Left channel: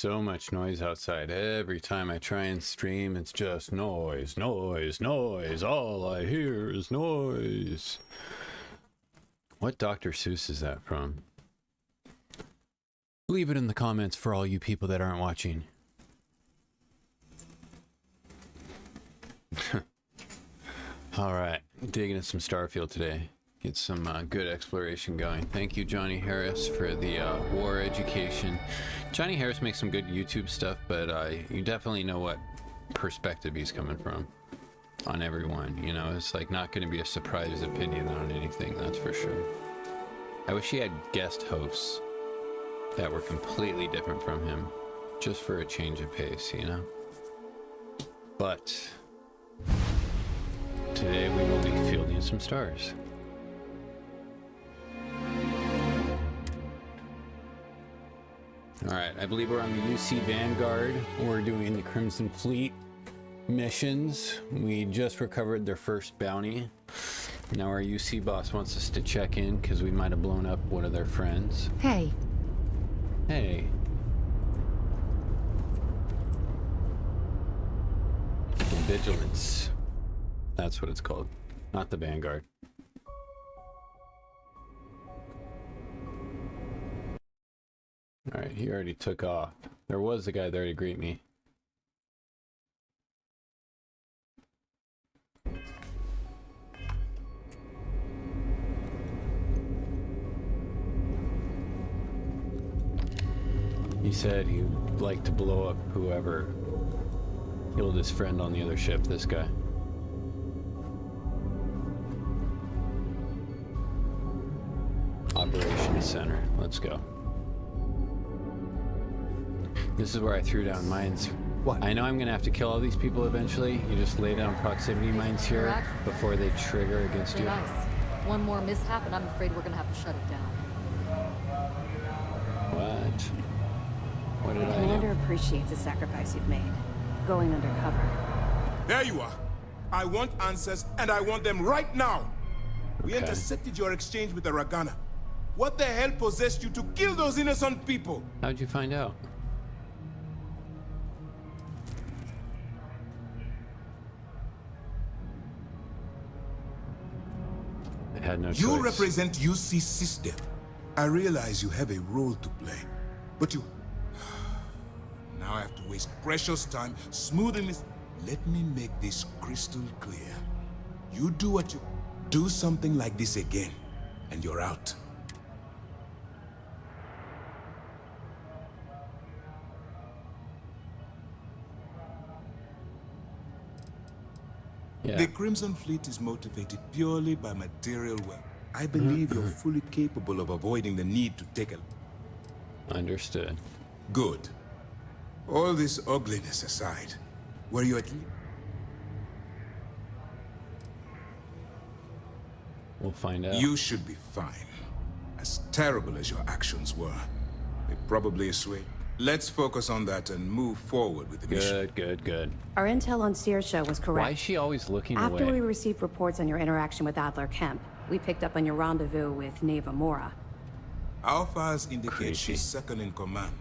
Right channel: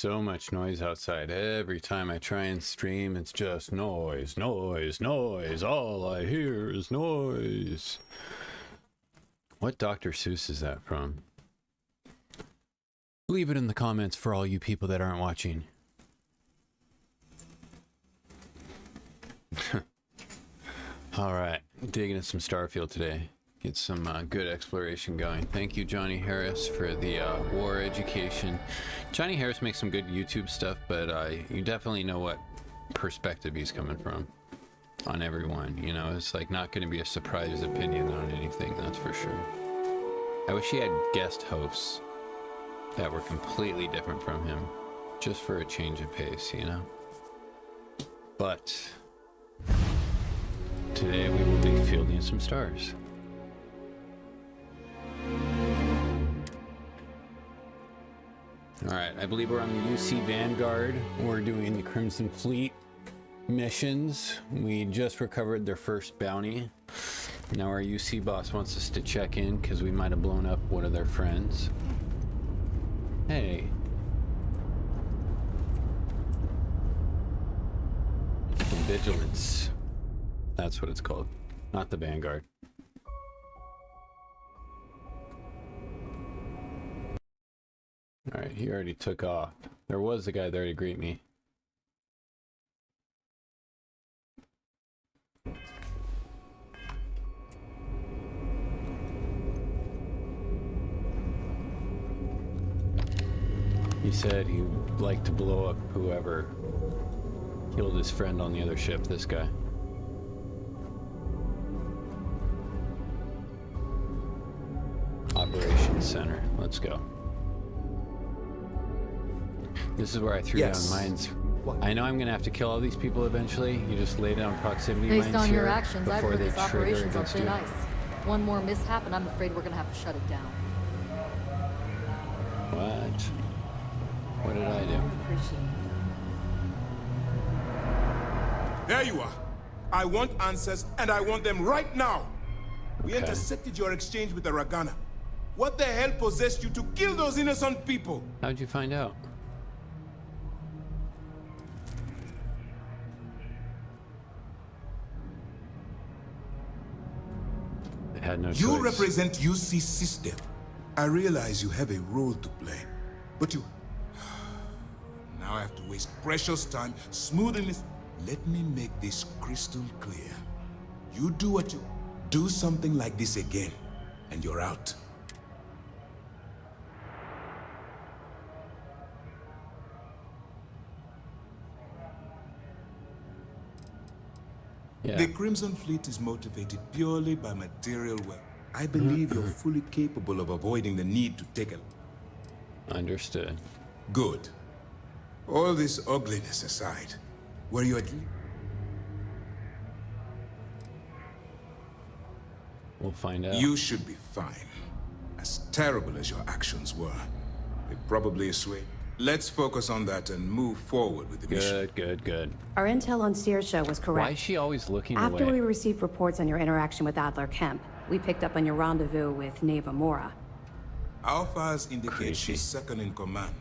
so much noise outside. Every time I try and stream, it's just noise, noise, noise. All I hear is noise. What Dr. Seuss is that from? Leave it in the comments for all you people that aren't watching. Alright, digging into some Starfield today. Get some good exploration going. Thank you, Johnny Harris, for the war education. Johnny Harris makes some good YouTube stuff, but you definitely know what perspective he's coming from on everyone. You know, it's like not going to be a surprise opinion on anything, that's for sure. I wish he had guest hosts that were completely different from him, just for a change of pace, you know? But today we will be fielding some stars. Alright, I believe we're on the UC Vanguard. We're doing the Crimson Fleet missions. We just recovered their first bounty. Now our UC boss wants us to check in because we might have blown up one of their friends. Hey. Hey. Vigilance. That's what it's called. Not the Vanguard. Alright, he already took off. There was a guy there to greet me. He said he'd like to blow up whoever killed his friend on the other ship, this guy. Operations Center, let's go. This is where I threw down mines. What? I know I'm gonna have to kill all these people eventually. You just lay down proximity mines here before they trigger against you. Nice. One more mishap and I'm afraid we're gonna have to shut it down. What? What did I do? Commander appreciates the sacrifice you've made. Going undercover. There you are. I want answers, and I want them right now. We intercepted your exchange with the Ragana. What the hell possessed you to kill those innocent people? How'd you find out? I had no choice. You represent UC system. I realize you have a role to play, but you... Now I have to waste precious time smoothing this. Let me make this crystal clear. You do what you... Do something like this again, and you're out. Yeah. The Crimson Fleet is motivated purely by material wealth. I believe you're fully capable of avoiding the need to take a... Understood. Good. All this ugliness aside, were you at least... We'll find out. You should be fine. As terrible as your actions were, they probably assuage. Let's focus on that and move forward with the mission. Good. Our intel on Searsha was correct. Why is she always looking After away? we received reports on your interaction with Adler Kemp, we picked up on your rendezvous with Neva Mora. Our files indicate Creepy. she's second in command,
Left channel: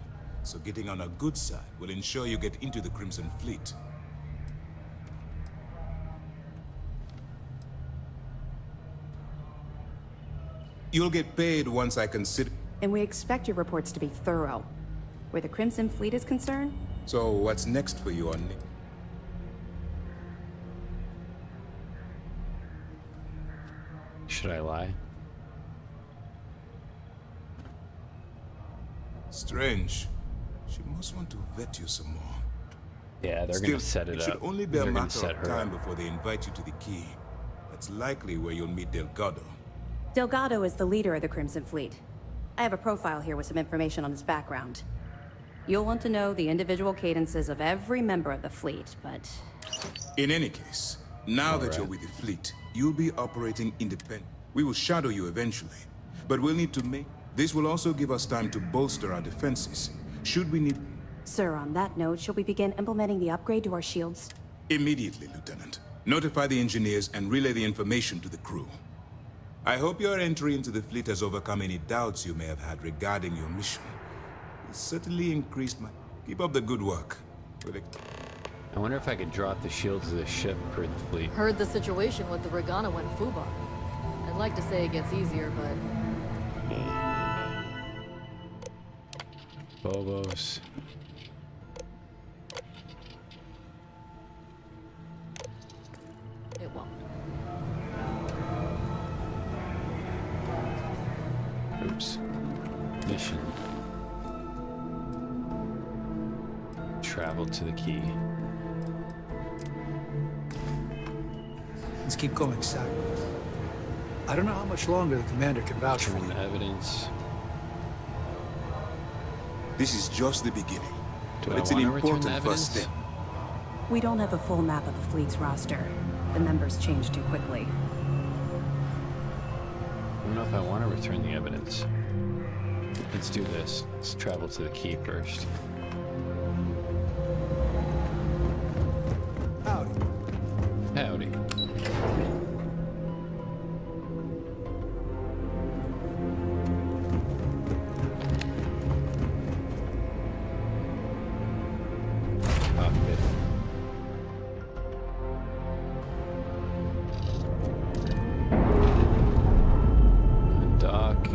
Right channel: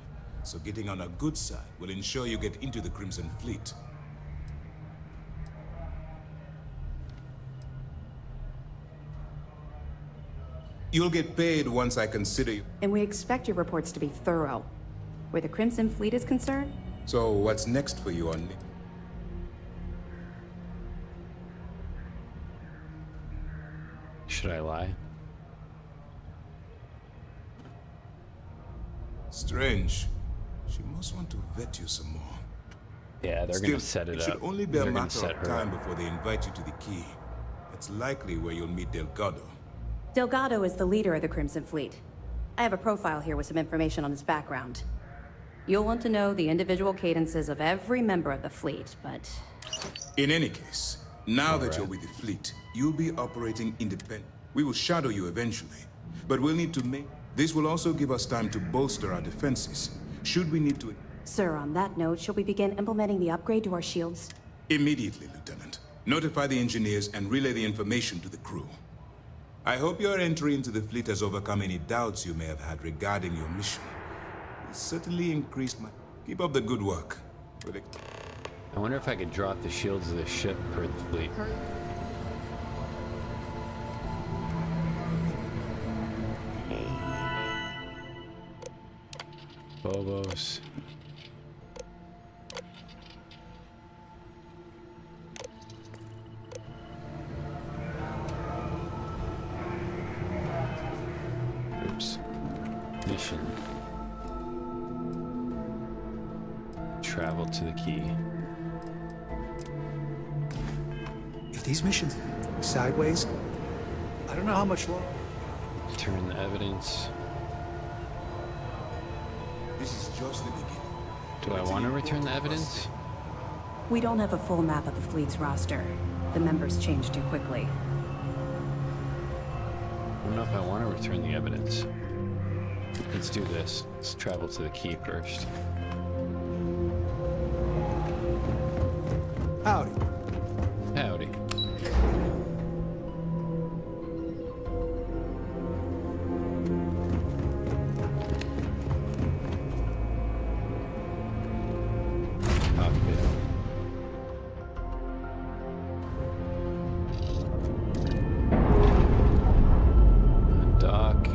so getting on her good side will ensure you get into the Crimson Fleet. You'll get paid once I consider you. And we expect your reports to be thorough. Where the Crimson Fleet is concerned, So what's next for you on... Should I lie? Strange. She must want to vet you some more. Yeah, they're gonna set it It up. should only be a They're gonna matter set of her time up. before they invite you to the key. That's likely where you'll meet Delgado. Delgado is the leader of the Crimson Fleet. I have a profile here with some information on his background. You'll want to know the individual cadences of every member of the fleet, but... In any case, now that you're with the fleet, you'll be operating independent. We will shadow you eventually, but we'll need to make... This will also give us time to bolster our defenses, should we need to... Sir, on that note, shall we begin implementing the upgrade to our shields? Immediately, Lieutenant. Notify the engineers and relay the information to the crew. I hope your entry into the fleet has overcome any doubts you may have had regarding your mission. It certainly increased my... Keep up the good work. I wonder if I could drop the shields of the ship for the fleet. Heard the situation with the Regana went FUBAR. I'd like to say it gets easier, but... Bobos. it won't. Oops. Mission. Travel to the key. If these missions keep going sideways, I don't know how much longer the commander can vouch for. Turn the evidence. This is just the beginning. Do But I it's an want to return the important first evidence? step. We don't have a full map of the fleet's roster. The members change too quickly. I don't know if I want to return the evidence. Let's do this. Let's travel to the key first. Howdy. Howdy. Cockpit. Undock.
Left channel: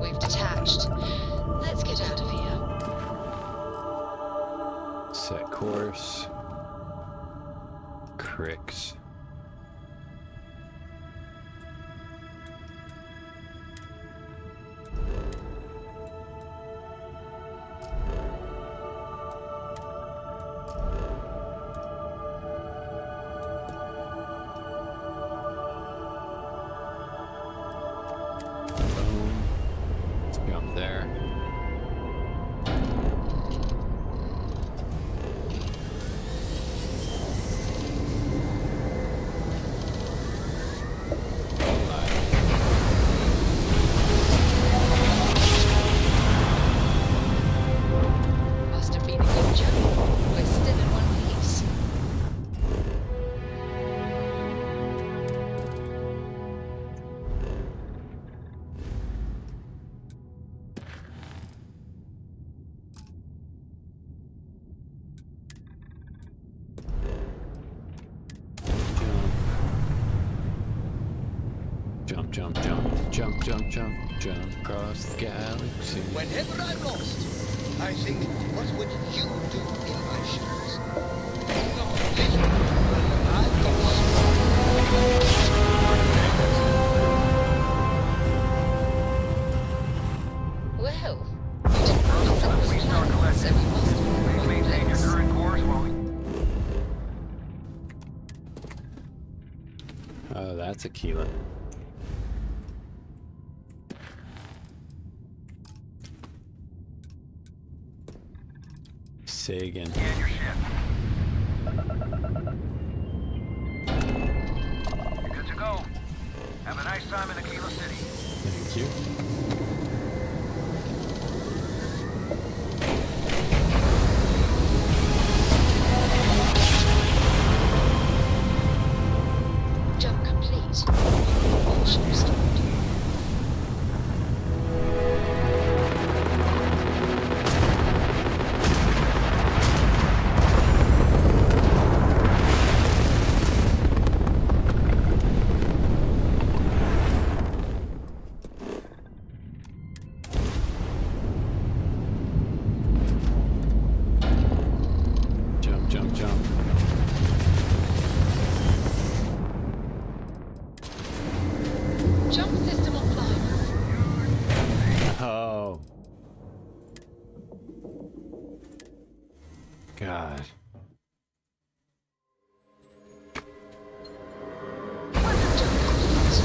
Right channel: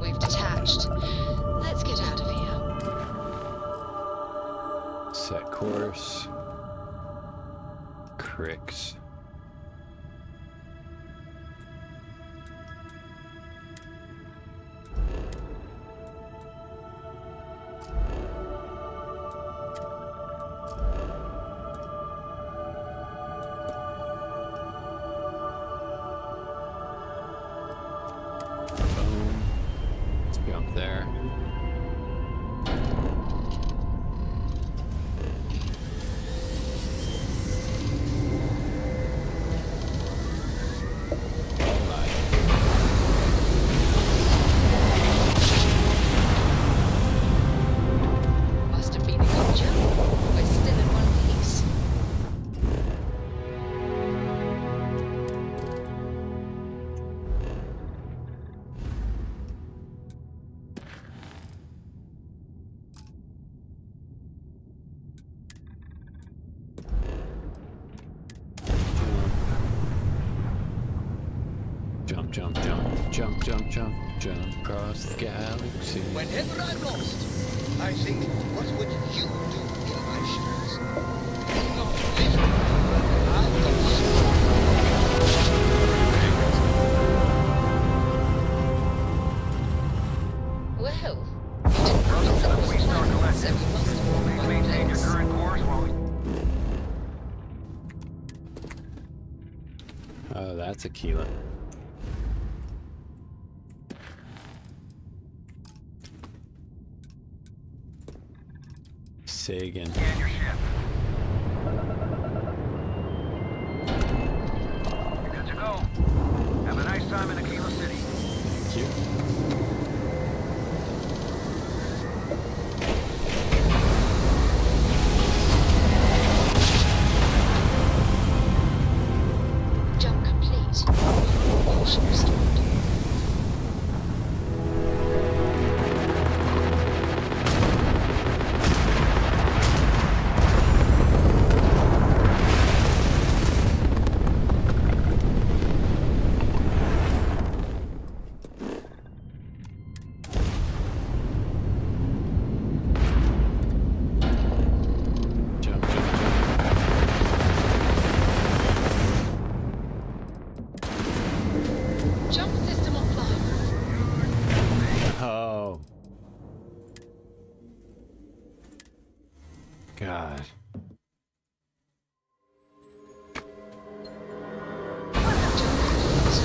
We've detached. Let's get out of here. Set course. Cricks. Boom. Let's jump there. Must have been a good jump. We're still in one piece. Jump, jump, jump, jump, jump, jump, jump across the galaxy. Whenever I'm lost, I think, what would you do in my shoes? Not listen, but I've got Well, you didn't promise that was planned, so we must have been on Maintain your place. current course while we... Oh, that's a Keelan. Say again. Scan your ship. You're good to go. Have a nice time in Aquila City. Thank you. Jump complete. Motion restored. Jump, jump, jump. Jump system offline. Oh. God. Jump complete.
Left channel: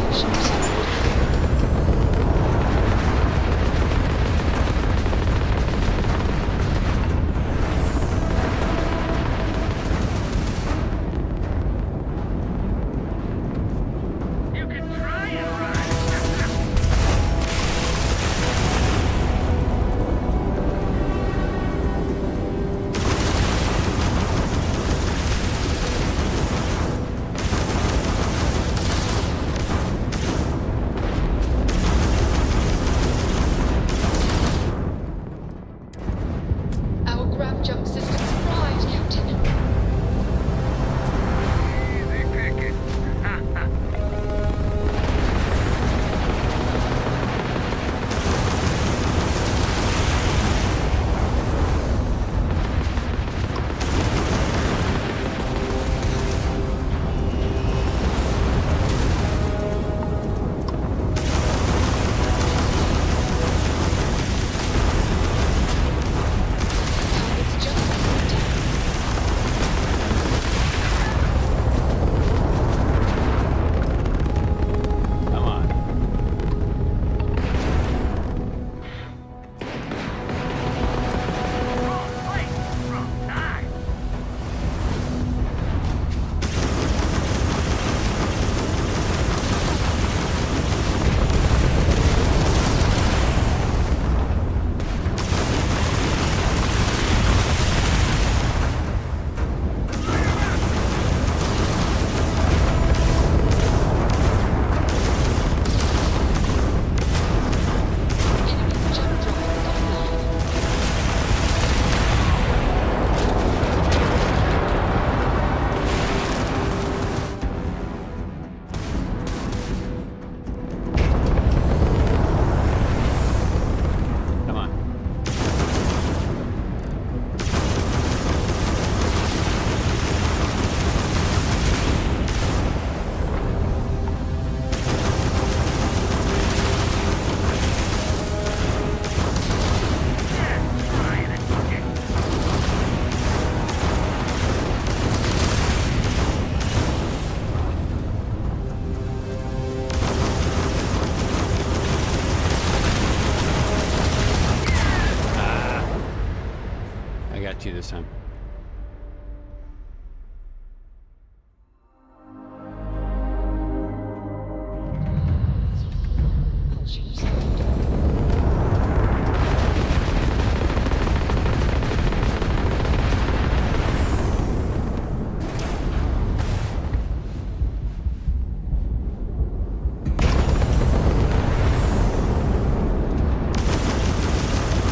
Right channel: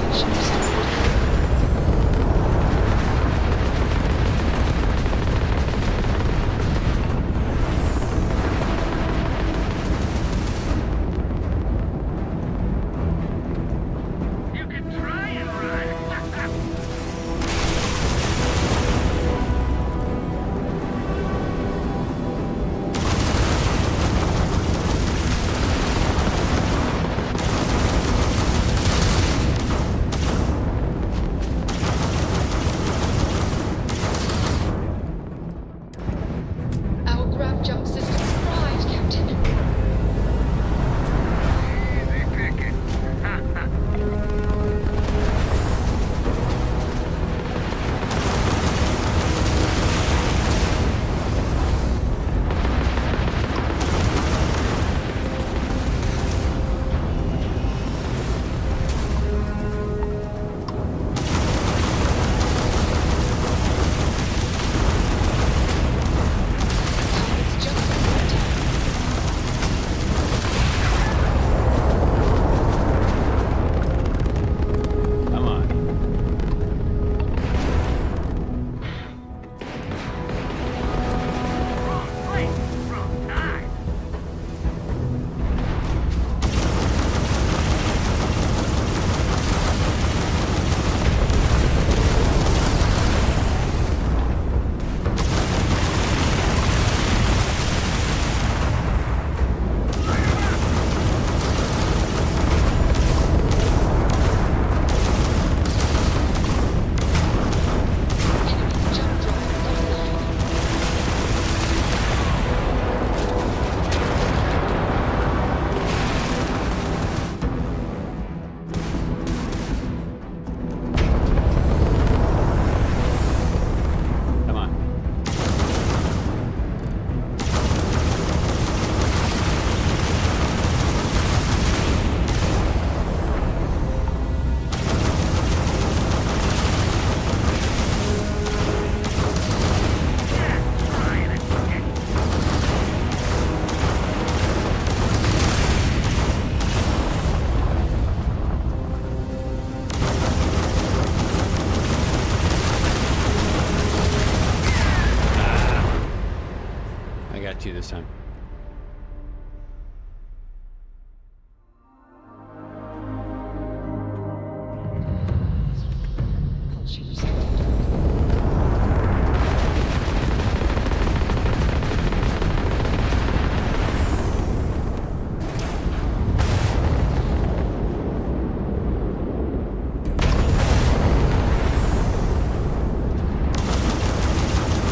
Motion restored. You can try and run. Jump system's pride, Captain. Easy picking. Target's just down. Come on. Wrong place, wrong time. Enemy jump drive online. Come on. Yeah, trying it. I got you this time. Propulsion restored.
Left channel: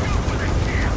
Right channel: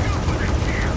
Go for the kill.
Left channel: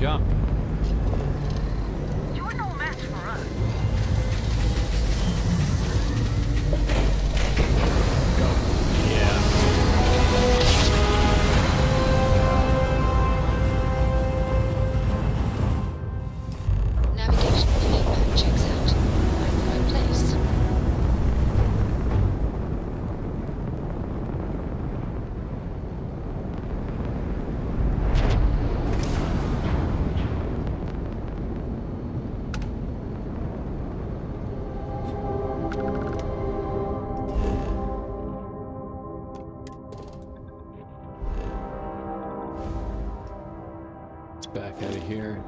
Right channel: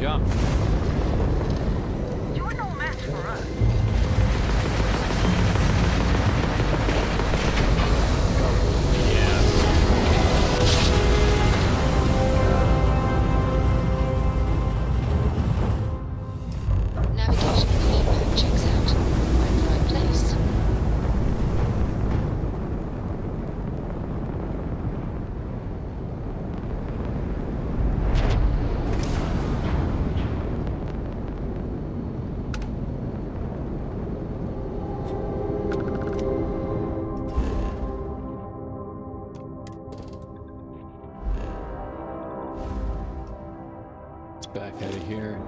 Jump. You're no match for us. Yeah. Navigational feedback checks out. We're in the right place. Let's back out of here.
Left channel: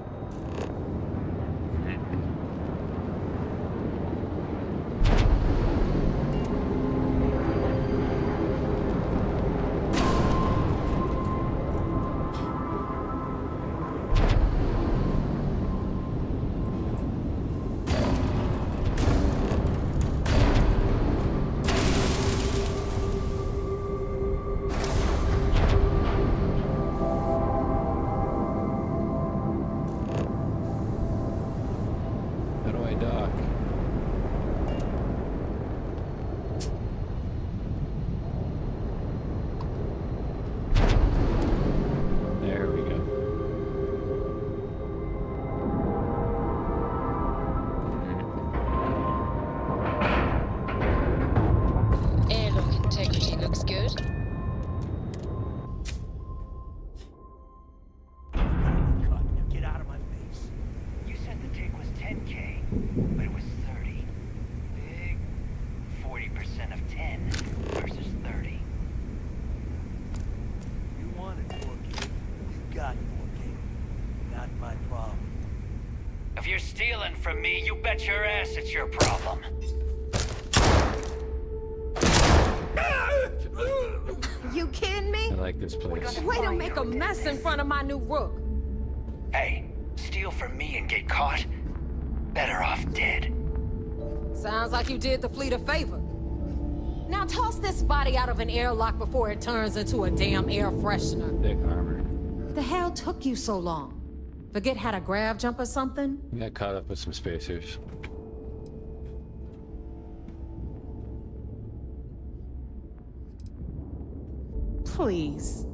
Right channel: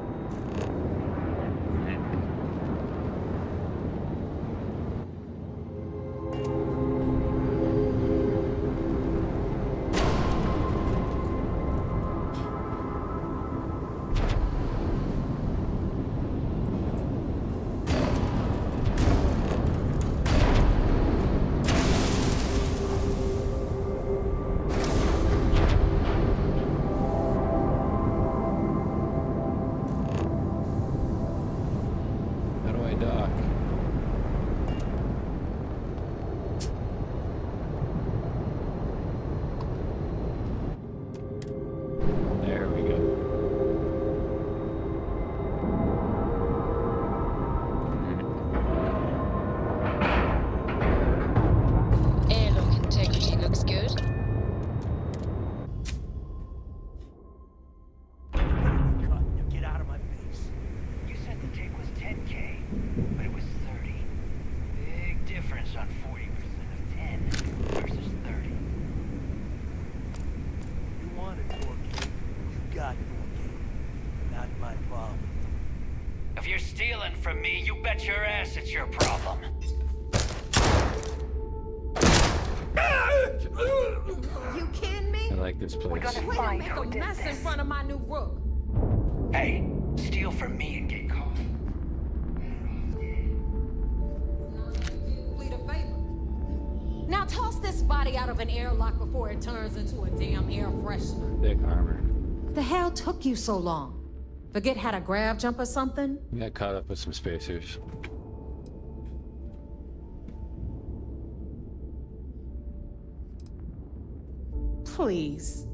How do I dock? There we go. Airlock integrity looks good. Now get out of my face. You said the take was 10K, but it was 30. Big difference on 40% of 10 versus 30. You wanted 4K, you got 4K. Not my problem. If you're stealing from me, you bet your ass it's your problem. You kidding me? I like this place. Way to make a mess in front of my new rook. Hey, steal from me and get caught? Better off dead. Sounds like you did the fleet a favor. Now toss this body out of an airlock before it turns into a damn air freshener. Thick armor. The hell took you so long? Forget how to grav jump or something? We got caught up with some spacers. Please.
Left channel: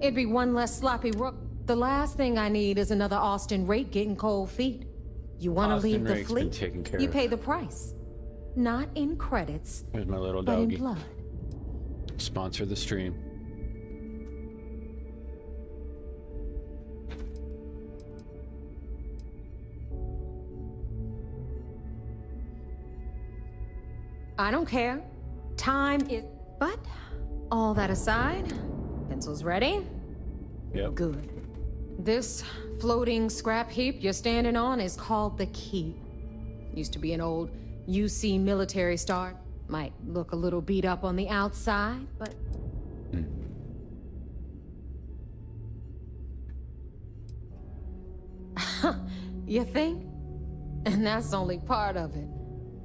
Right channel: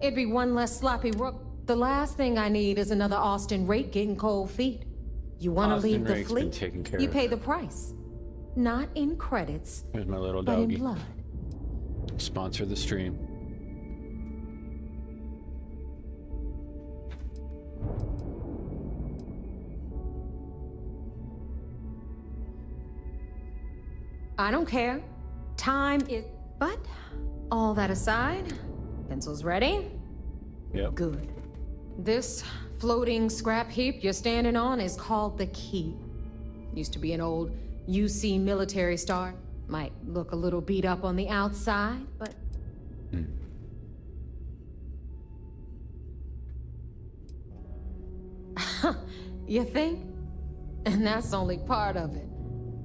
It'd be one less sloppy rook. The last thing I need is another Austin Rake getting cold feet. You want to Austin leave the Rake's been fleet? taken care You of. pay the price. Not in credits, There's my little but in doggy. blood. Sponsor the stream. I don't care. Time is... But, all that aside, pencils ready? Yep. Good. This floating scrap heap you're standing on is called the Key. Used to be an old UC military star. Might look a little beat up on the outside, but... You think? And that's only part of it.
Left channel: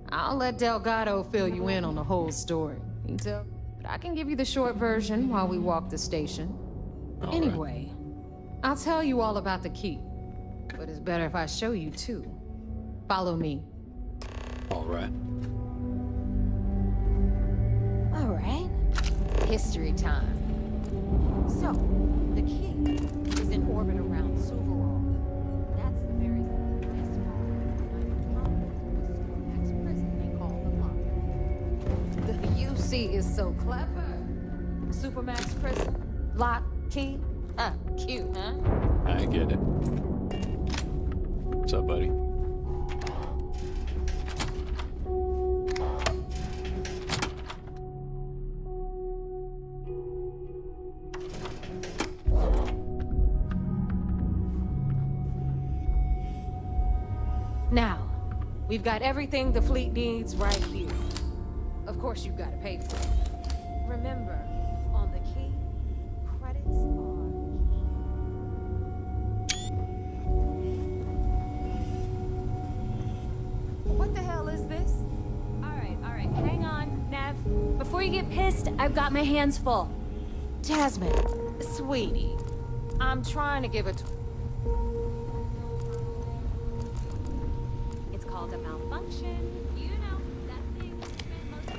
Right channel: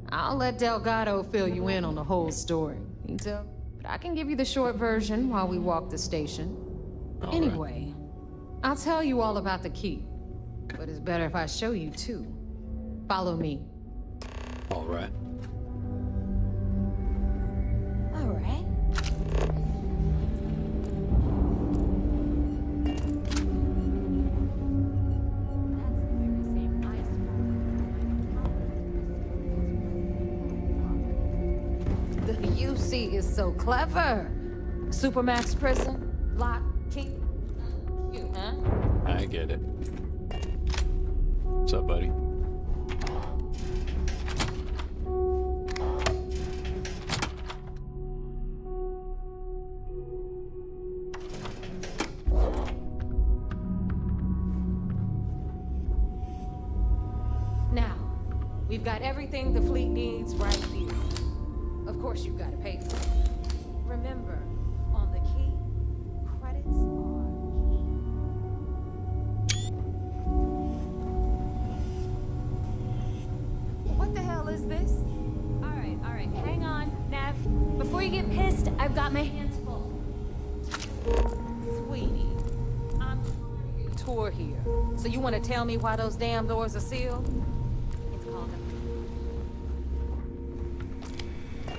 I'll let Delgado fill you in on the whole story. But I can give you the short version while we walk the station. All right. Anyway, I'll tell you all about the Key. But it's better if I show you too. Follow me. All right. All right. History time. So, the Key is in orbit around Superworld. That's the very same ice wall behind the prison they call the Lock. The UC is so clever. Supermax prison, lock, key. Cute, huh? I get it. What's up, buddy? Now, we've got everything the fleet needs right here. Of course, you've got to pay for it. Remember, on the Key, credits are key. What the hell is this? All right, hang on, Nev. Before you get pissed, I've got my hands full. Jasmine, sweetie, I'm trying to give a tour here. So you want to tell me why those damn doors are sealed? It's called a malfunction. You know,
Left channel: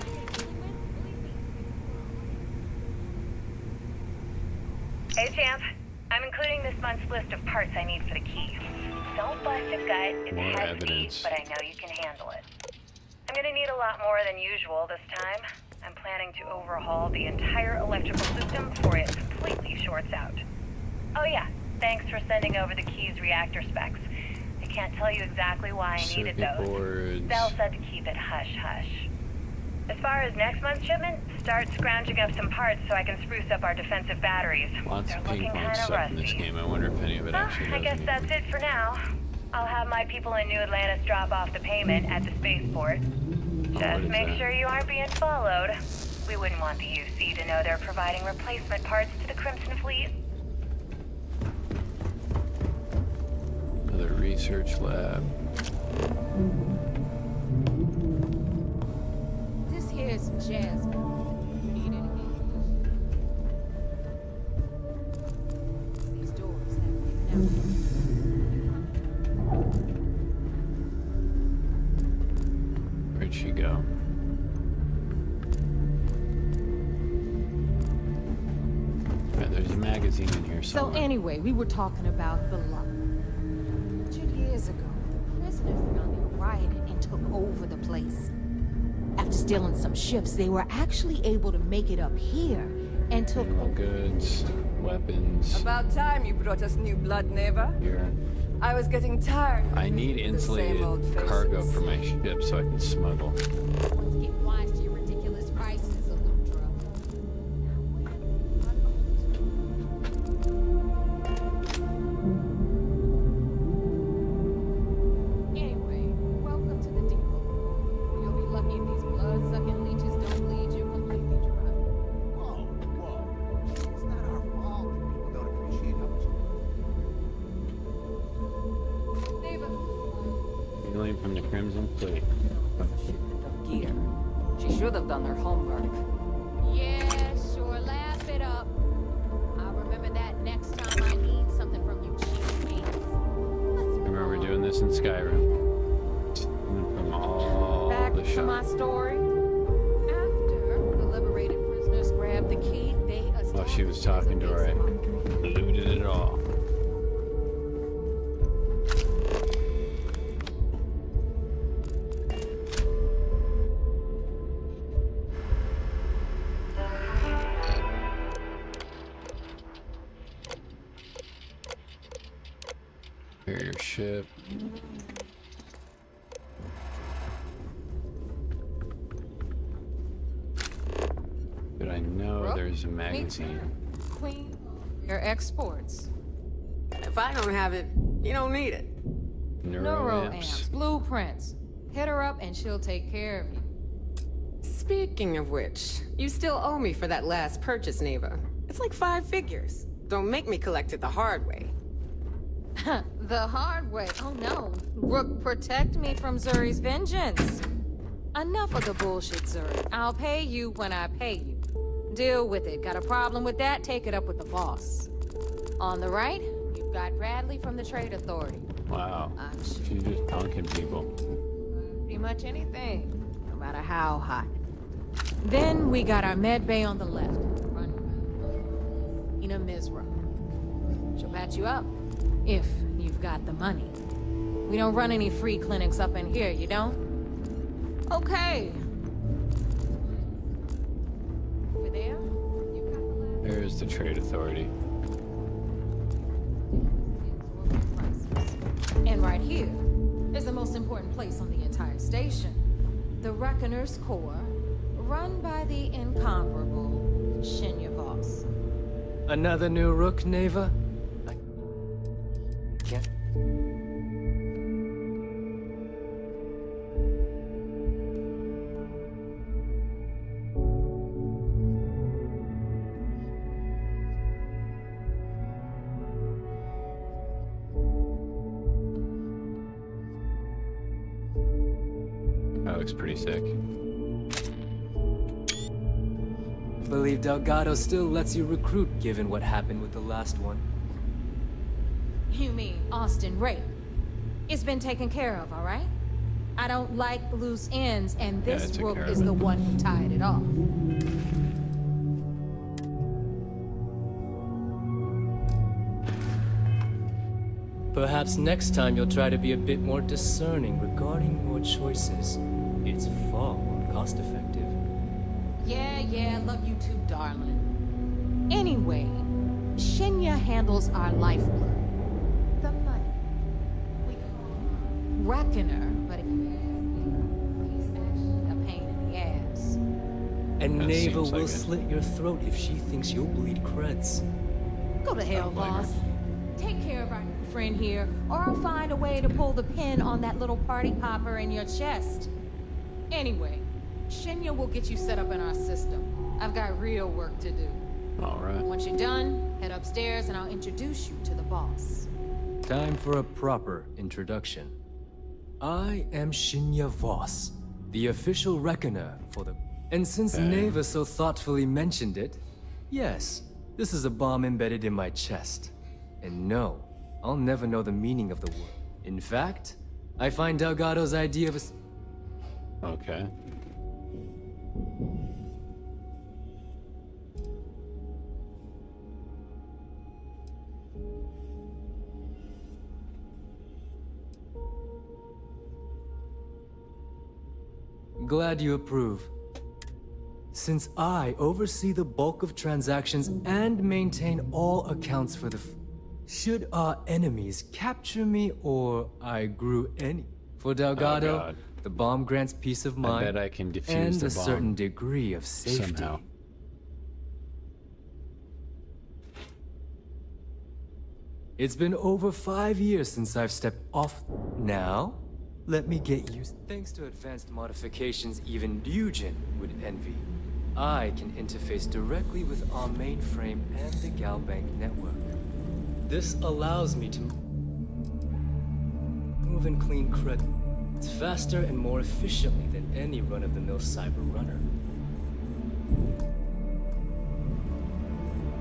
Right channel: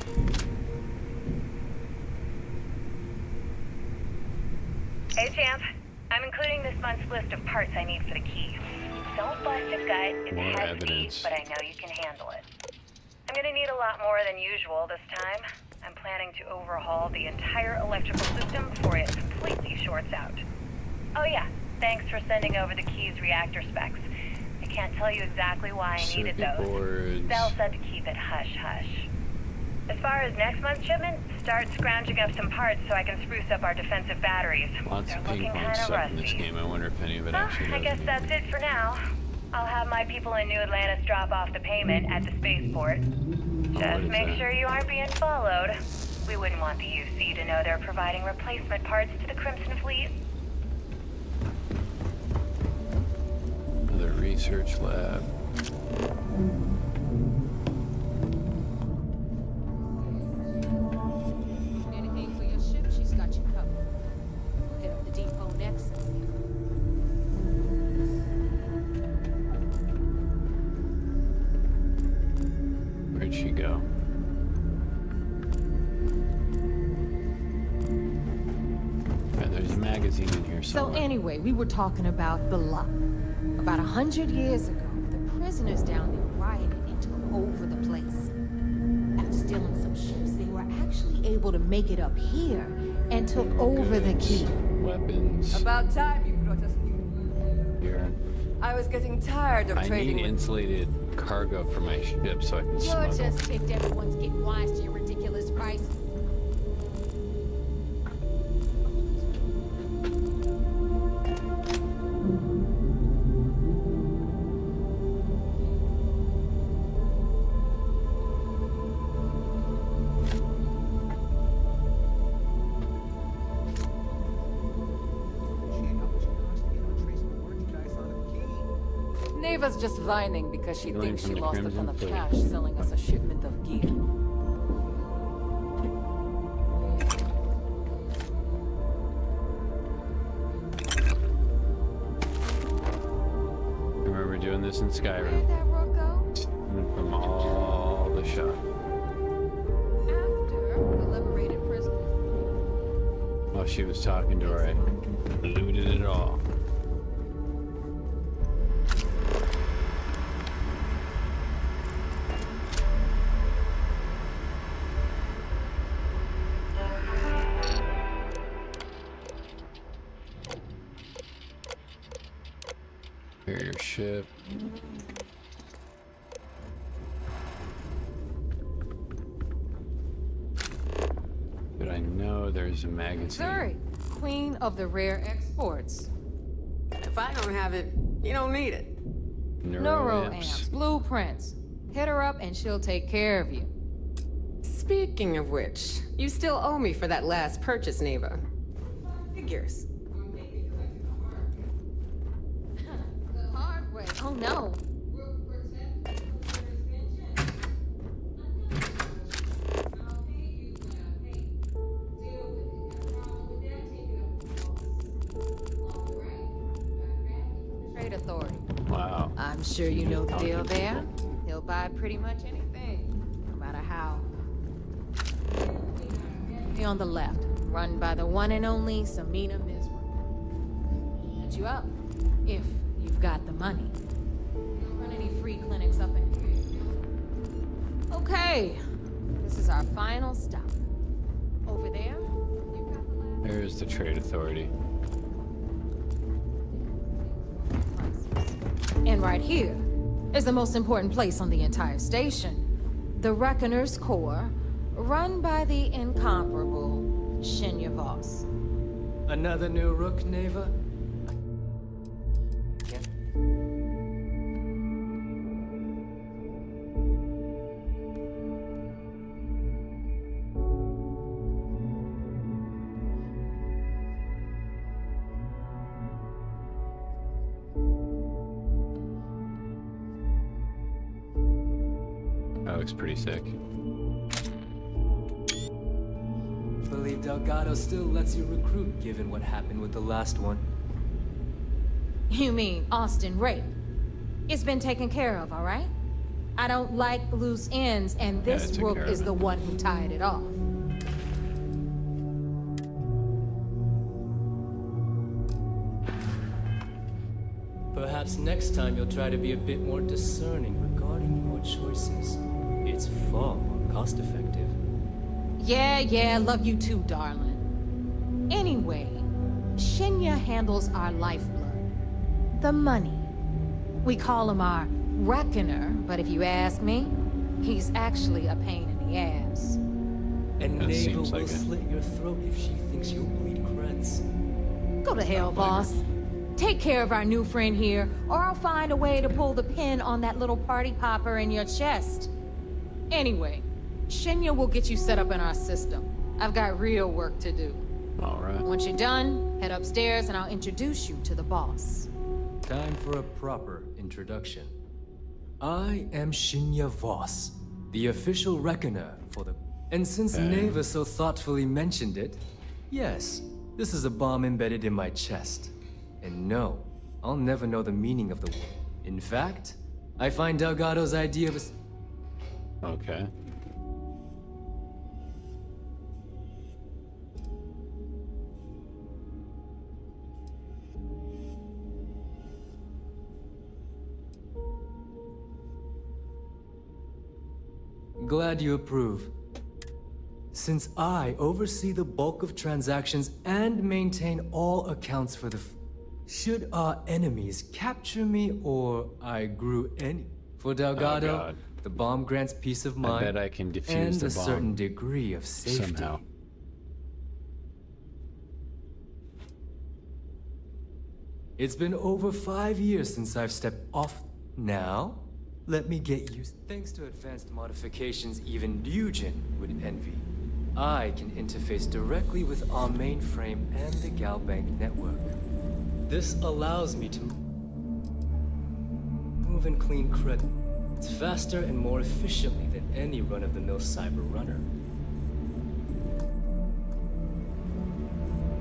Hey, champ. I'm including this month's list of parts I need for the key. Don't bust it, guys. It's More heavy, evidence. but I know you can handle it. I'm gonna need a lot more than usual this time. I'm planning to overhaul the entire electrical system before it completely shorts out. Oh yeah, thanks for sending over the key's reactor specs. I can't tell you exactly why I needed Circuit those. boards. Bell said to keep it hush-hush. As far as next month's shipment, start scrounging up some parts so I can spruce up our defensive batteries. Lots They're of ping looking pong kinda stuff in this rusty. game. I wonder if any of it Well, actually I does guess that's anything. it for now. I'll have my people in New Atlantis drop off the payment at the spaceport. what Just is make that? sure you aren't being followed. We wouldn't want the UC to know they're providing replacement parts to the Crimson Fleet. Another research lab. this here's Jasmine. You need anything for your ship, she's got you covered. Head up the depot next, these doors. Where'd she go? Right, there's a magazine in here So somewhere. anyway, we were talking about the lot. About 100 years ago, the prisoners down there rioted and took over the place. After stealing some ships, they were actually able to make it up here and took Criminal over the goods, key. weapons. About time you brought us new blood, Neva. Here. I was getting tired of I trading need with the same insulated old cargo faces. for my ship so I can You smuggle. just think everyone's getting wise to your ridiculous prices. Anyway, welcome to the depot. You'll be lucky if these blood-sucking leeches don't lead you when we It's not our fault. Neva's just whining because she Stealing thinks from she the lost a Crimson ton of Fleet. cash selling us a shipment of gear. She should have done her homework. Yeah, sure, laugh it up. I'll remember that next time I need something from the GP. I remember doing this in Skyrim. That work go? Stealing from all Back the to my shops. story. After the liberated prisoners grabbed the key, they While she was talking to her, I looted it all. Carrier ship. But I know there's a Meet magazine. Zuri, queen of the rare exports. If I don't have it, you don't need it. Neuroamps, blueprints. Hit her up and she'll take care of you. Speaking of which, you still owe me for that last purchase, Neva. It's like 5 figures. Don't make me collect it the hard way. The hard way. Oh no. Rook, protect me from Zuri's vengeance. Enough of the bullshit, Zuri. I'll pay you when I pay you. Deal with it. Got a problem with that? Take it up with the boss. On the right, you've got Bradley from the Trade Authority. Wow. I'm sure She's you know just the deal punking there. people. He'll buy pretty much anything, no matter how hot. Then we got our med bay on the left, run by the one and only Samina Mizra. She'll patch you up, if you've got the money. We don't run any free clinics up in here, you don't? Okay, this is our final stop. Over there, you've got the last... There's the Trade Authority. And right here is the most important place on the entire station. The Reckoner's Core, run by the incomparable Shinya Voss. Another new rook, Neva? Yeah. That looks pretty sick. Believe Delgado still lets you recruit given what happened with the last one. You mean Austin Rape? It's been taken care of, all right? I don't like loose ends, and Yeah, this took rook care of is it. the one who tied it off. Perhaps next time you'll try to be a bit more discerning regarding your choices. It's far more cost-effective. Yeah, love you too, darling. Anyway, Shinya handles our lifeblood. The money. We call him our reckoner, but if you ask me, he's actually a pain in the ass. And That Neva seems will like it. slit your throat if she thinks you'll bleed creds. Go to hell, Don't blame her. boss. Take care of our new friend here, or I'll find a way to pull the pin on that little party popper in your chest. Anyway, Shinya will get you set up in our system. I've got real work to do. All right. Once you're done, head upstairs and I'll introduce you to the boss. Time for a proper introduction. I am Shinya Voss, the official reckoner for the... And since Okay. Neva so thoughtfully mentioned it, yes, this is a bomb embedded in my chest. And no, I'll never know the meaning of the word. In fact, I find Delgado's idea of a... Okay. Glad you approve. Since I oversee the bulk of transactions and maintain all accounts for the should our enemies capture me or I grew any... For Delgado, God. the bomb grants peace of mind I bet I can defuse and the a bomb certain degree of safety. somehow. It's been over 5 years since I've stepped off. Now, let me get used. Thanks to advanced modifications even Ryujin would envy, I can interface directly with our mainframe and the Galbank network. This allows me to move and clean credit faster and more efficiently than any run-of-the-mill cyber runner.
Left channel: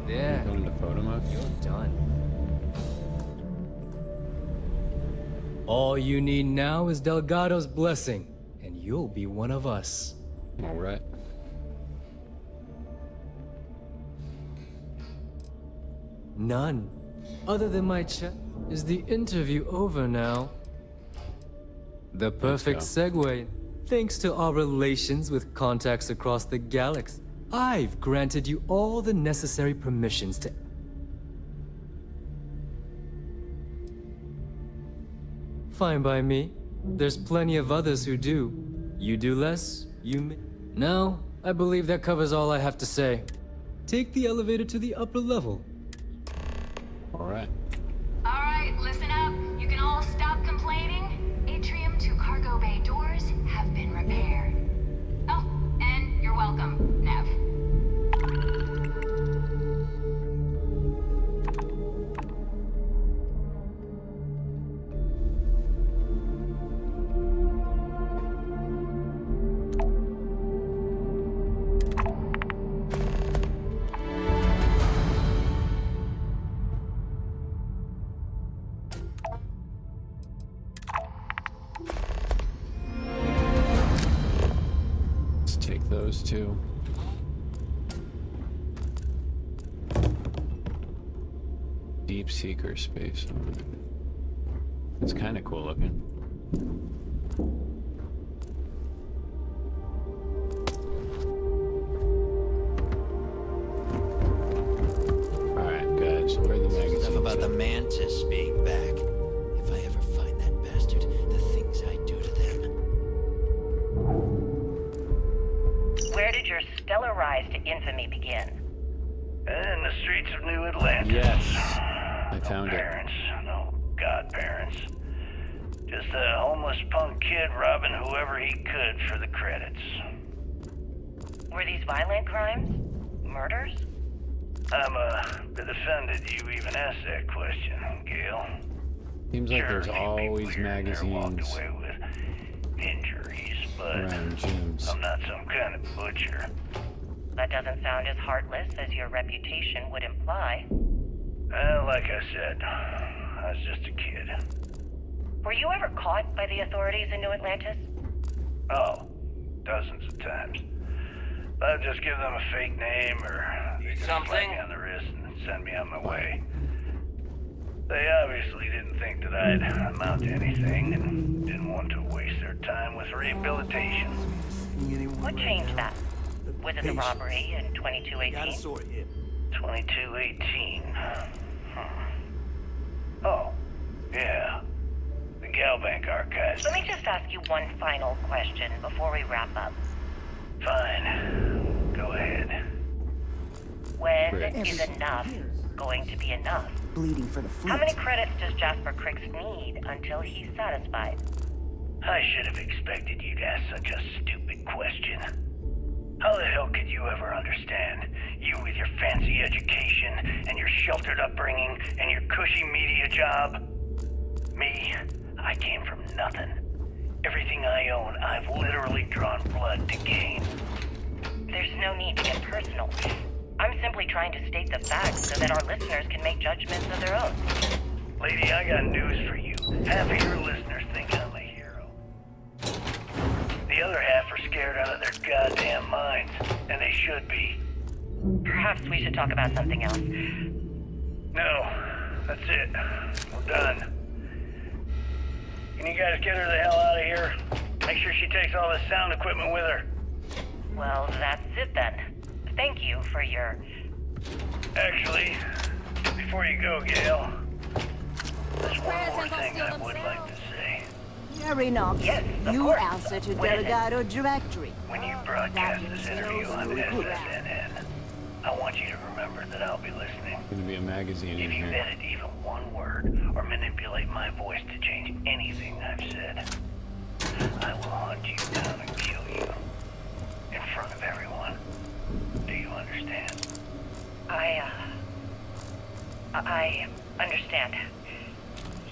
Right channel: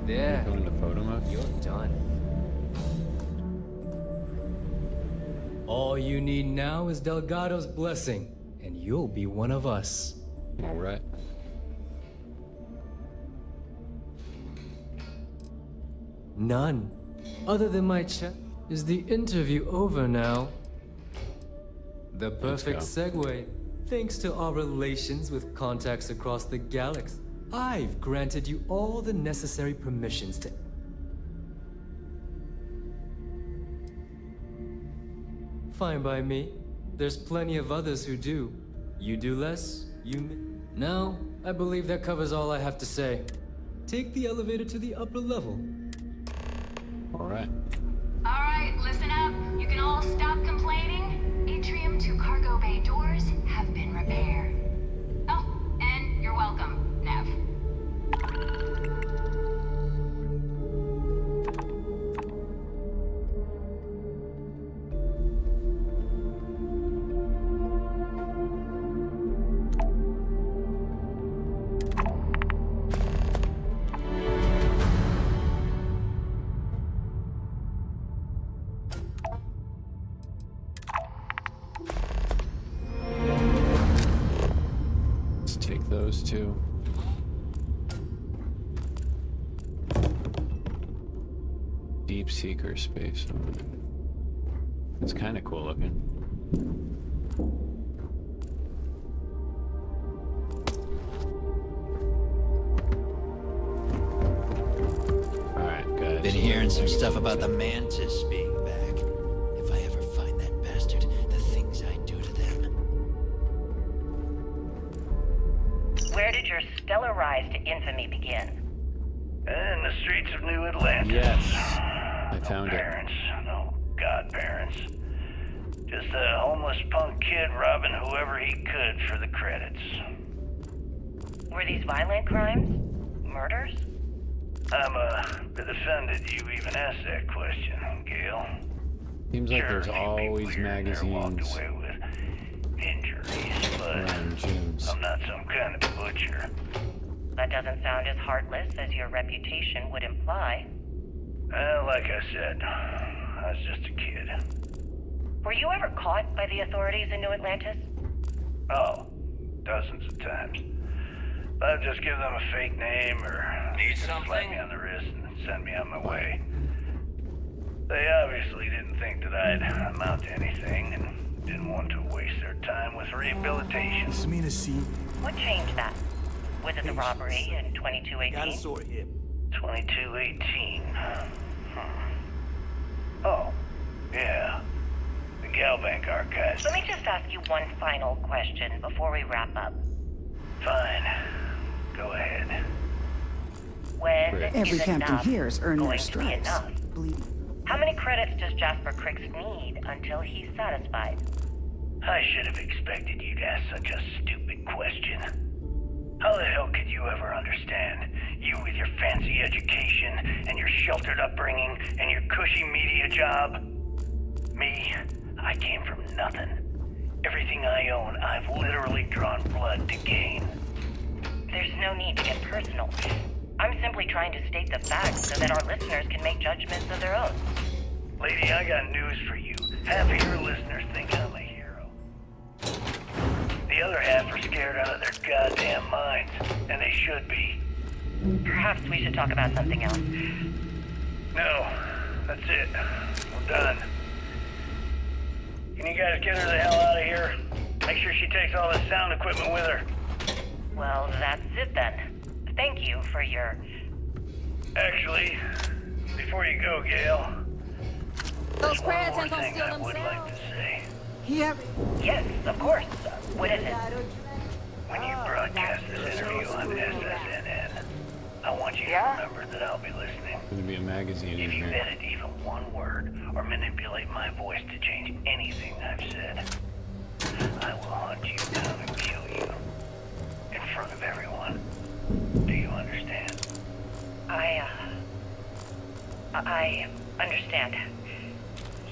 There, Go into photo mode. you're done. All you need now is Delgado's blessing, and you'll be one of us. All right. None. Other than my chat. Is the interview over now? The perfect go. segue. Thanks to our relations with contacts across the galaxy, I've granted you all the necessary permissions to... Fine by me. There's plenty of others who do. You do less, No, I believe that covers all I have to say. Take the elevator to the upper level. All right. All right, listen up. You can all stop complaining. Atrium to cargo bay doors have been repaired. Oh, and you're welcome, Nev. Let's take those two. Deep Seeker space. It's kind of cool looking. All right, guys. Been hearing some stuff about the Mantis being back. If I ever find that bastard, the things I do to them. Where did your stellar rise to infamy begin? In the streets of New Atlantis. Yes, I found it. Parents, no godparents. Just a homeless punk kid robbing whoever he could for the credits. Were these violent crimes? Murders? I'm a bit offended you even asked that question, Gale. Seems like there's Sure, a few always people here and there walked magazines away with injuries, but around gyms. I'm not some kind of butcher. That doesn't sound as heartless as your reputation would imply. Well, like I said, I was just a kid. Were you ever caught by the authorities in New Atlantis? Oh, dozens of times. I'd just give them a fake name or Need slap something? me on the wrist and send me on my way. They obviously didn't think that I'd amount to anything and didn't want to waste their time with rehabilitation. What changed that? Was it the robbery in 2218? 2218. Oh, yeah. The Galbank archives. Let me just ask you one final question before we wrap up. Fine. Go ahead. When Every is captain enough here is earning going their to be stripes. enough? Bleeding for the fleet. How many credits does Jasper Cricks need until he's satisfied? I should have expected you'd ask such a stupid question. How the hell could you ever understand? You with your fancy education and your sheltered upbringing and your cushy media job? Me, I came from nothing. Everything I own, I've literally drawn blood to gain. There's no need to get personal. I'm simply trying to state the facts so that our listeners can make judgments of their own. Lady, I got news for you. Half of your listeners think I'm a hero. The other half are scared out of their goddamn minds, and they should be. Perhaps we should talk about something else. No, that's it. We're done. Can you guys get her the hell out of here? Make sure she takes all this sound equipment with her. Well, that's it then. Thank you for your... Actually, before you go, Gail, Those crabs one ain't more gonna thing steal I would like themselves. to say. Here, Enoch. Yes, of you course. answer to What is it? Delgado directory. When you broadcast this interview on SSNN, I want you to remember that I'll be listening. There's gonna be a magazine in If you here. edit even one word or manipulate my voice to change anything I've said, I will hunt you down and kill you. In front of everyone. Do you understand? I understand.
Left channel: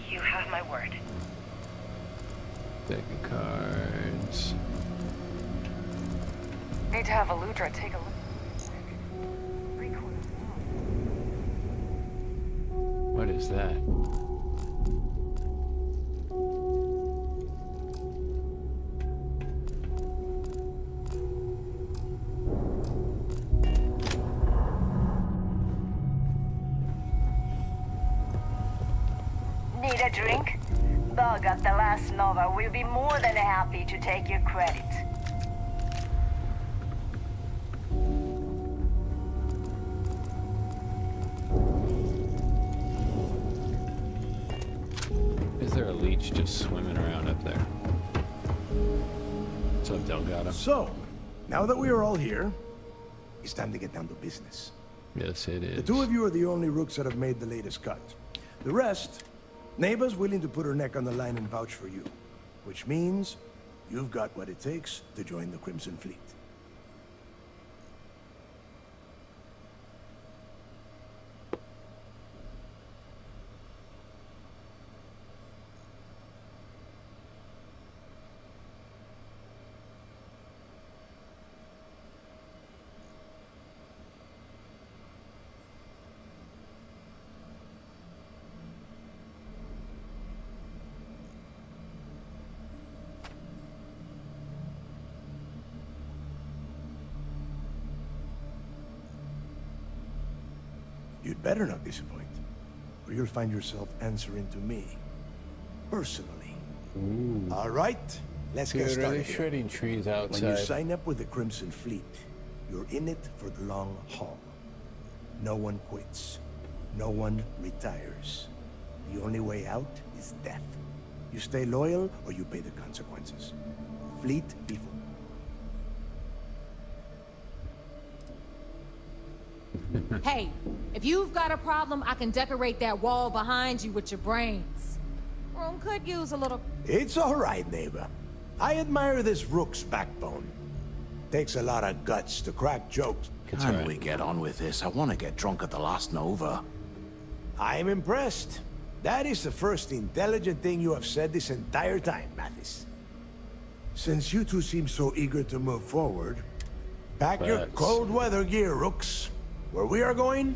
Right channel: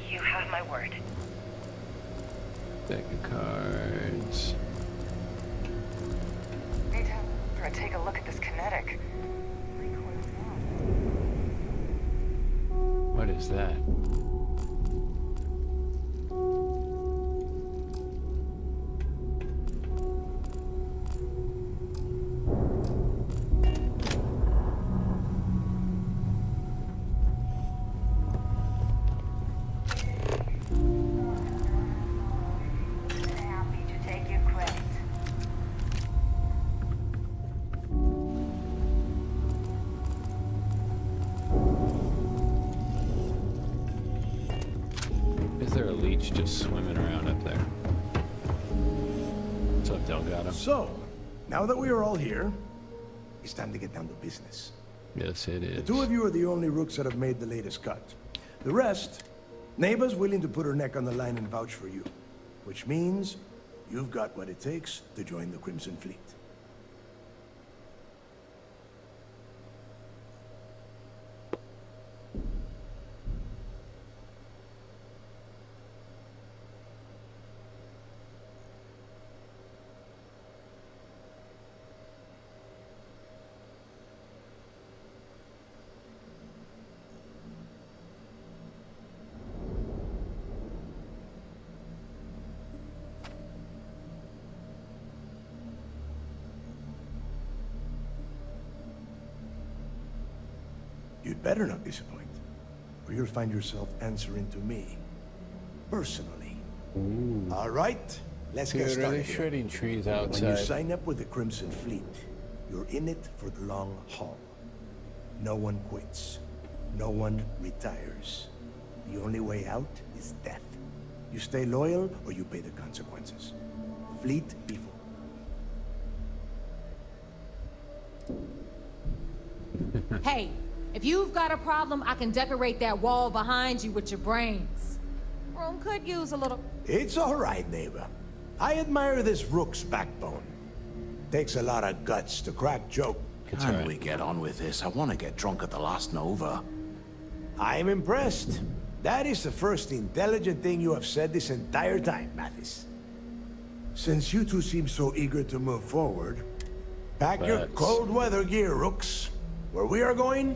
You have my word. Deck of cards. Need to have Aludra take a look at this kinetic. What is that? Need a drink? Bug up the last Nova will be more than happy to take your credit. Is there a leech just swimming around up there? What's up, Delgado? So, now that we are all here, it's time to get down to business. Yes, it is. The two of you are the only rooks that have made the latest cut. The rest, Neva's willing to put her neck on the line and vouch for you. Which means you've got what it takes to join the Crimson Fleet. You'd better not disappoint, or you'll find yourself answering to me, personally. Ooh. All right, let's get Dude, are started they here. shredding trees When you outside? sign up with the Crimson Fleet, you're in it for the long haul. No one quits. No one retires. The only way out is death. You stay loyal, or you pay the consequences. Fleet before. Hey, if you've got a problem, I can decorate that wall behind you with your brains. Room could use a little... It's all right, neighbor. I admire this rook's backbone. Takes a lot of guts to crack jokes. Can we get on with this? I want to get drunk at the last Nova. I'm impressed. That is the first intelligent thing you have said this entire time, Mathis. Since you two seem so eager to move forward, pack your cold weather gear, rooks. Where we are going,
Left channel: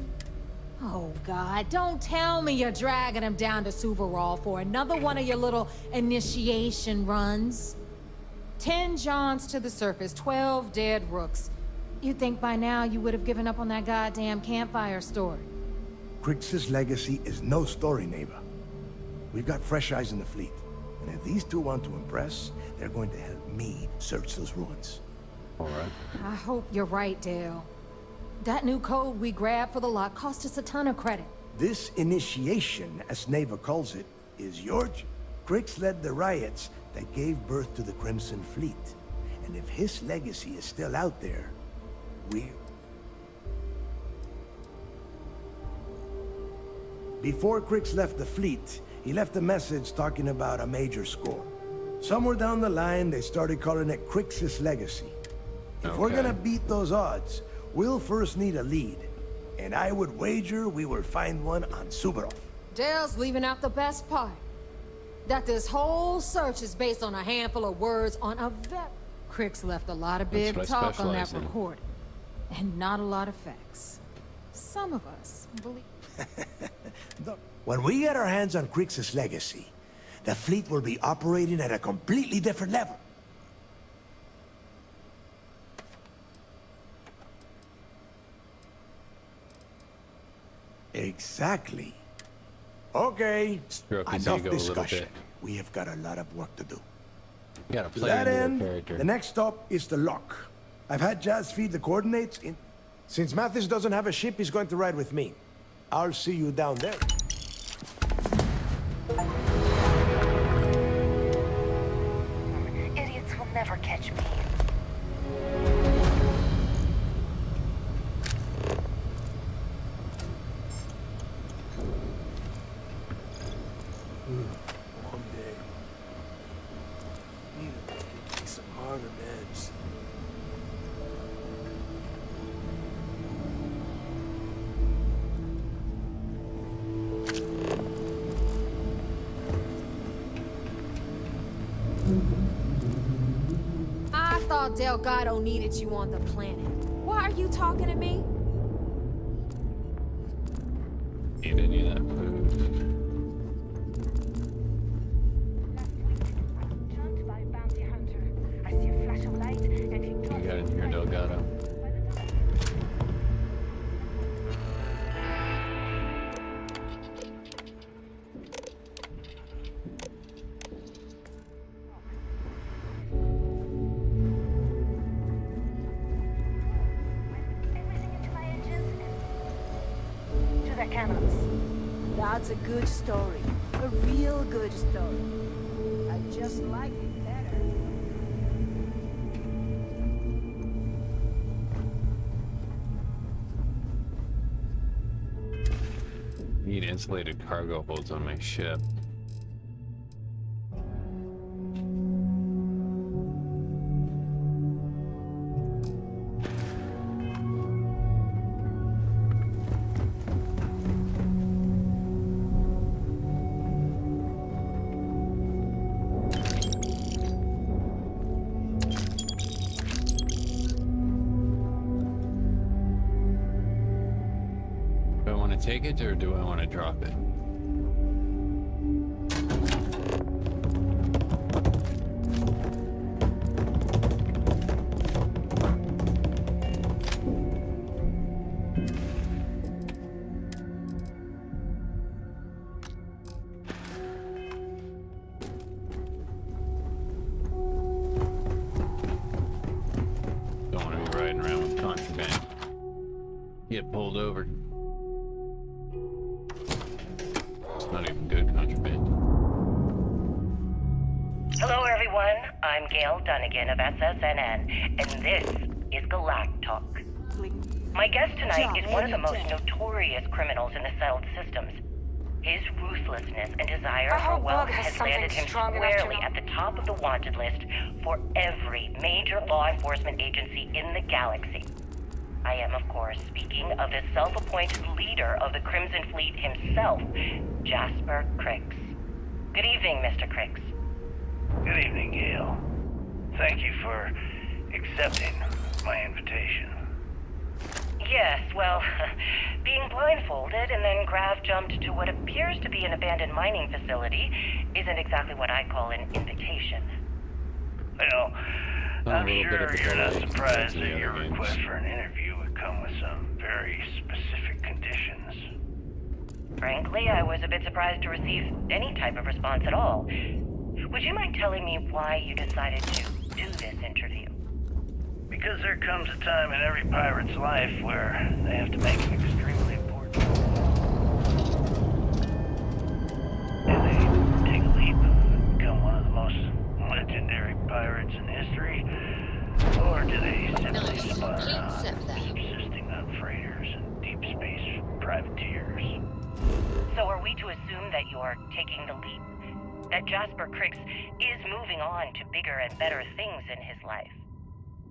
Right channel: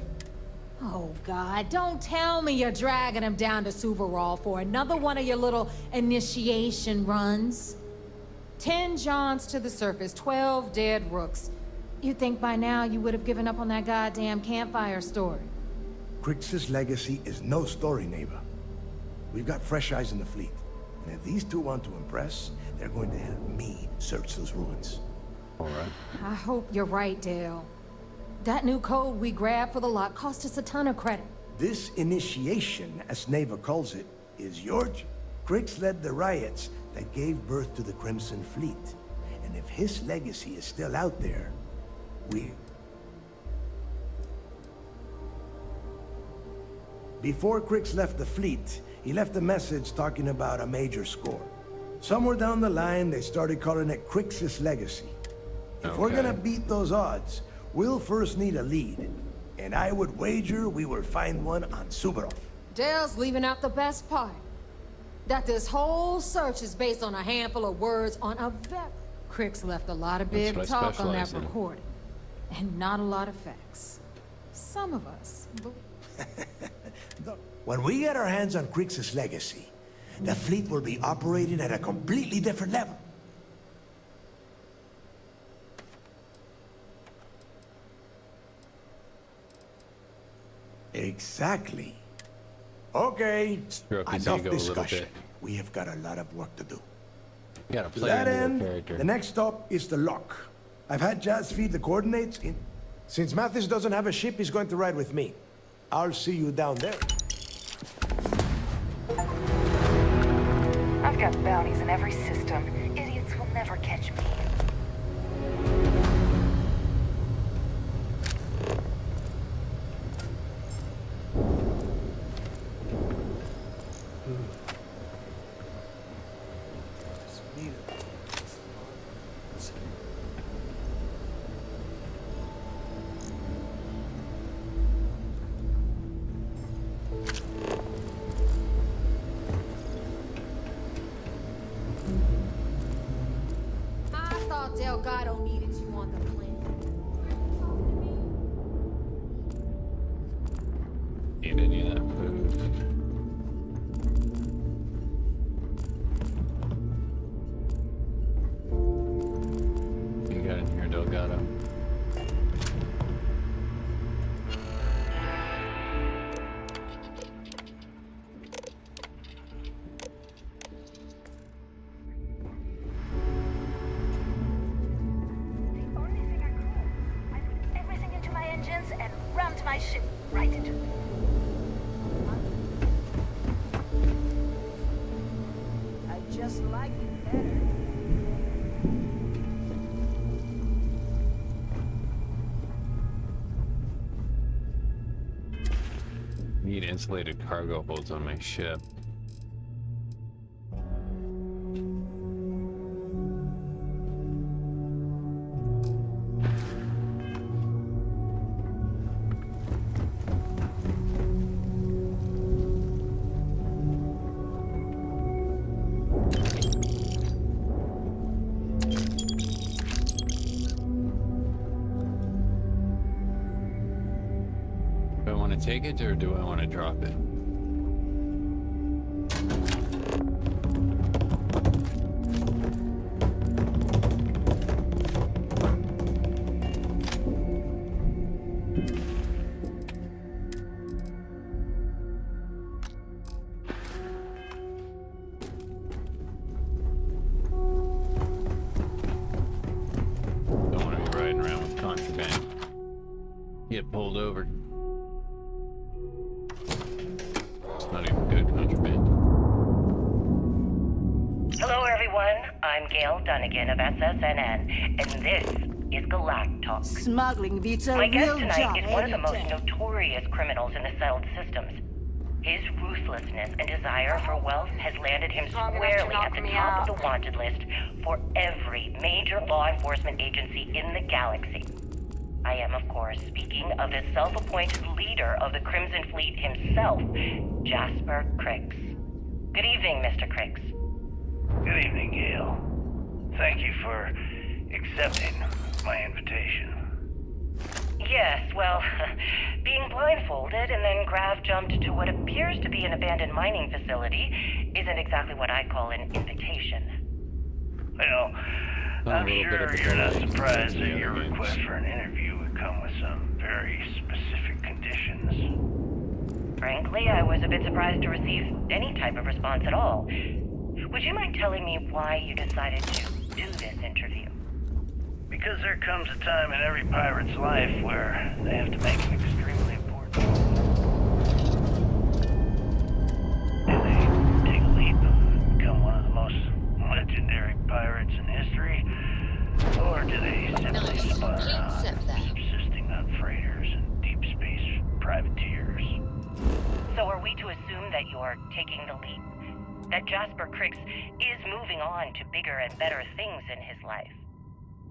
Oh, God, don't tell me you're dragging him down to Suvarall for another one of your little initiation runs. 10 Johns to the surface, 12 dead rooks. You'd think by now you would have given up on that goddamn campfire story. Crix's legacy is no story, neighbor. We've got fresh eyes in the fleet. And if these two want to impress, they're going to help me search those ruins. All right. I hope you're right, Dale. That new code we grabbed for the lock cost us a ton of credit. This initiation, as Neva calls it, is your... Crix led the riots that gave birth to the Crimson Fleet. And if his legacy is still out there, Before Crix left the fleet, he left a message talking about a major score. Somewhere down the line, they started calling it Crix's legacy. If we're gonna beat those odds, we'll first need a lead. And I would wager we will find one on Suvarall. Dale's leaving out the best part. That this whole search is based on a handful of words on a very... Crix left a lot of big talk on that recording. And not a lot of facts. Some of us believe... When we get our hands on Crix's legacy, the fleet will be operating at a completely different level. Exactly. Okay, Stroke his enough ego a little discussion. bit. We have got a lot of work to do. Gotta To play that into end, the character. the next stop is the lock. I've had Jazz feed the coordinates in... Since Mathis doesn't have a ship, he's going to ride with me. I'll see you down there. I've got bounties in every system. Idiots will never catch me. I thought Delgado needed you on the planet. Why are you talking to me? Need any of that food? You got in here, Delgado. Everything into my engines and rammed my ship right into the cannons. That's a good story. A real good story. I just like it better. Need insulated cargo holds on my ship. Do I want to take it or do I want to drop it? Don't want to be riding around with contraband. Get pulled over. It's not even good contraband. Hello, everyone. I'm Gail Dunnigan of SSNN, and this is Galactalk. Smuggling beats a My guest real tonight job is one of the most any day. notorious criminals in the settled systems. His ruthlessness and desire for wealth has landed him squarely at the top of the wanted list for every major law enforcement agency in the galaxy. I am, of course, speaking of the self-appointed leader of the Crimson Fleet himself, Jasper Crix. Good evening, Mr. Crix. Good evening, Gail. Thank you for accepting my invitation. Yes, well, Being blindfolded and then grav jumped to what appears to be an abandoned mining facility isn't exactly what I call an invitation. Well, I'm sure you're not surprised that your games. request for an interview would come with some very specific conditions. Frankly, I was a bit surprised to receive any type of response at all. Would you mind telling me why you decided to do this interview? Because there comes a time in every pirate's life where they have to make an extremely important choice. Do they take a leap, become one of the most legendary pirates in history? Or do they simply spun around, subsisting on freighters and deep space privateers? So are we to assume that you're taking the leap? That Jasper Crix is moving on to bigger and better things in his life?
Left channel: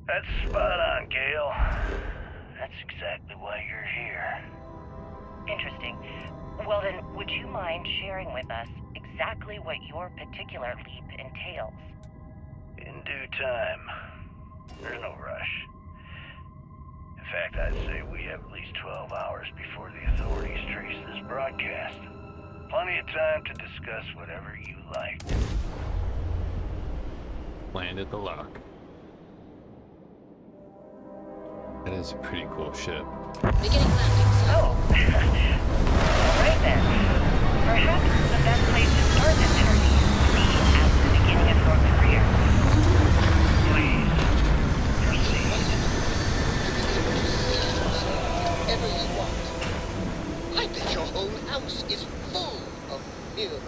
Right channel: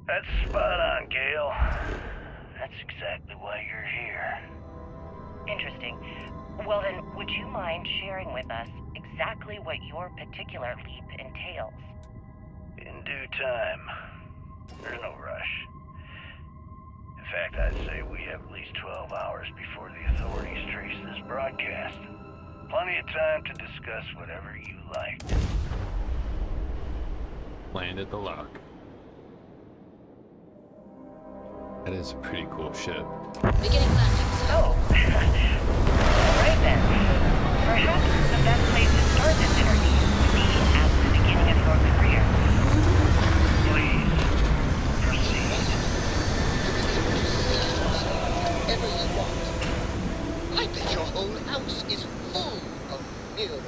That's spot on, Gale. That's exactly why you're here. Interesting. Well then, would you mind sharing with us exactly what your particular leap entails? In due time. There's no rush. In fact, I'd say we have at least 12 hours before the authorities trace this broadcast. Plenty of time to discuss whatever you like. Land at the lock. That is a pretty cool ship. Beginning landing zone. Oh. Alright then. Perhaps the best place to start this interview would be at the beginning of your career. Please, proceed. Whatever you want. I bet your whole house is full of mirrors.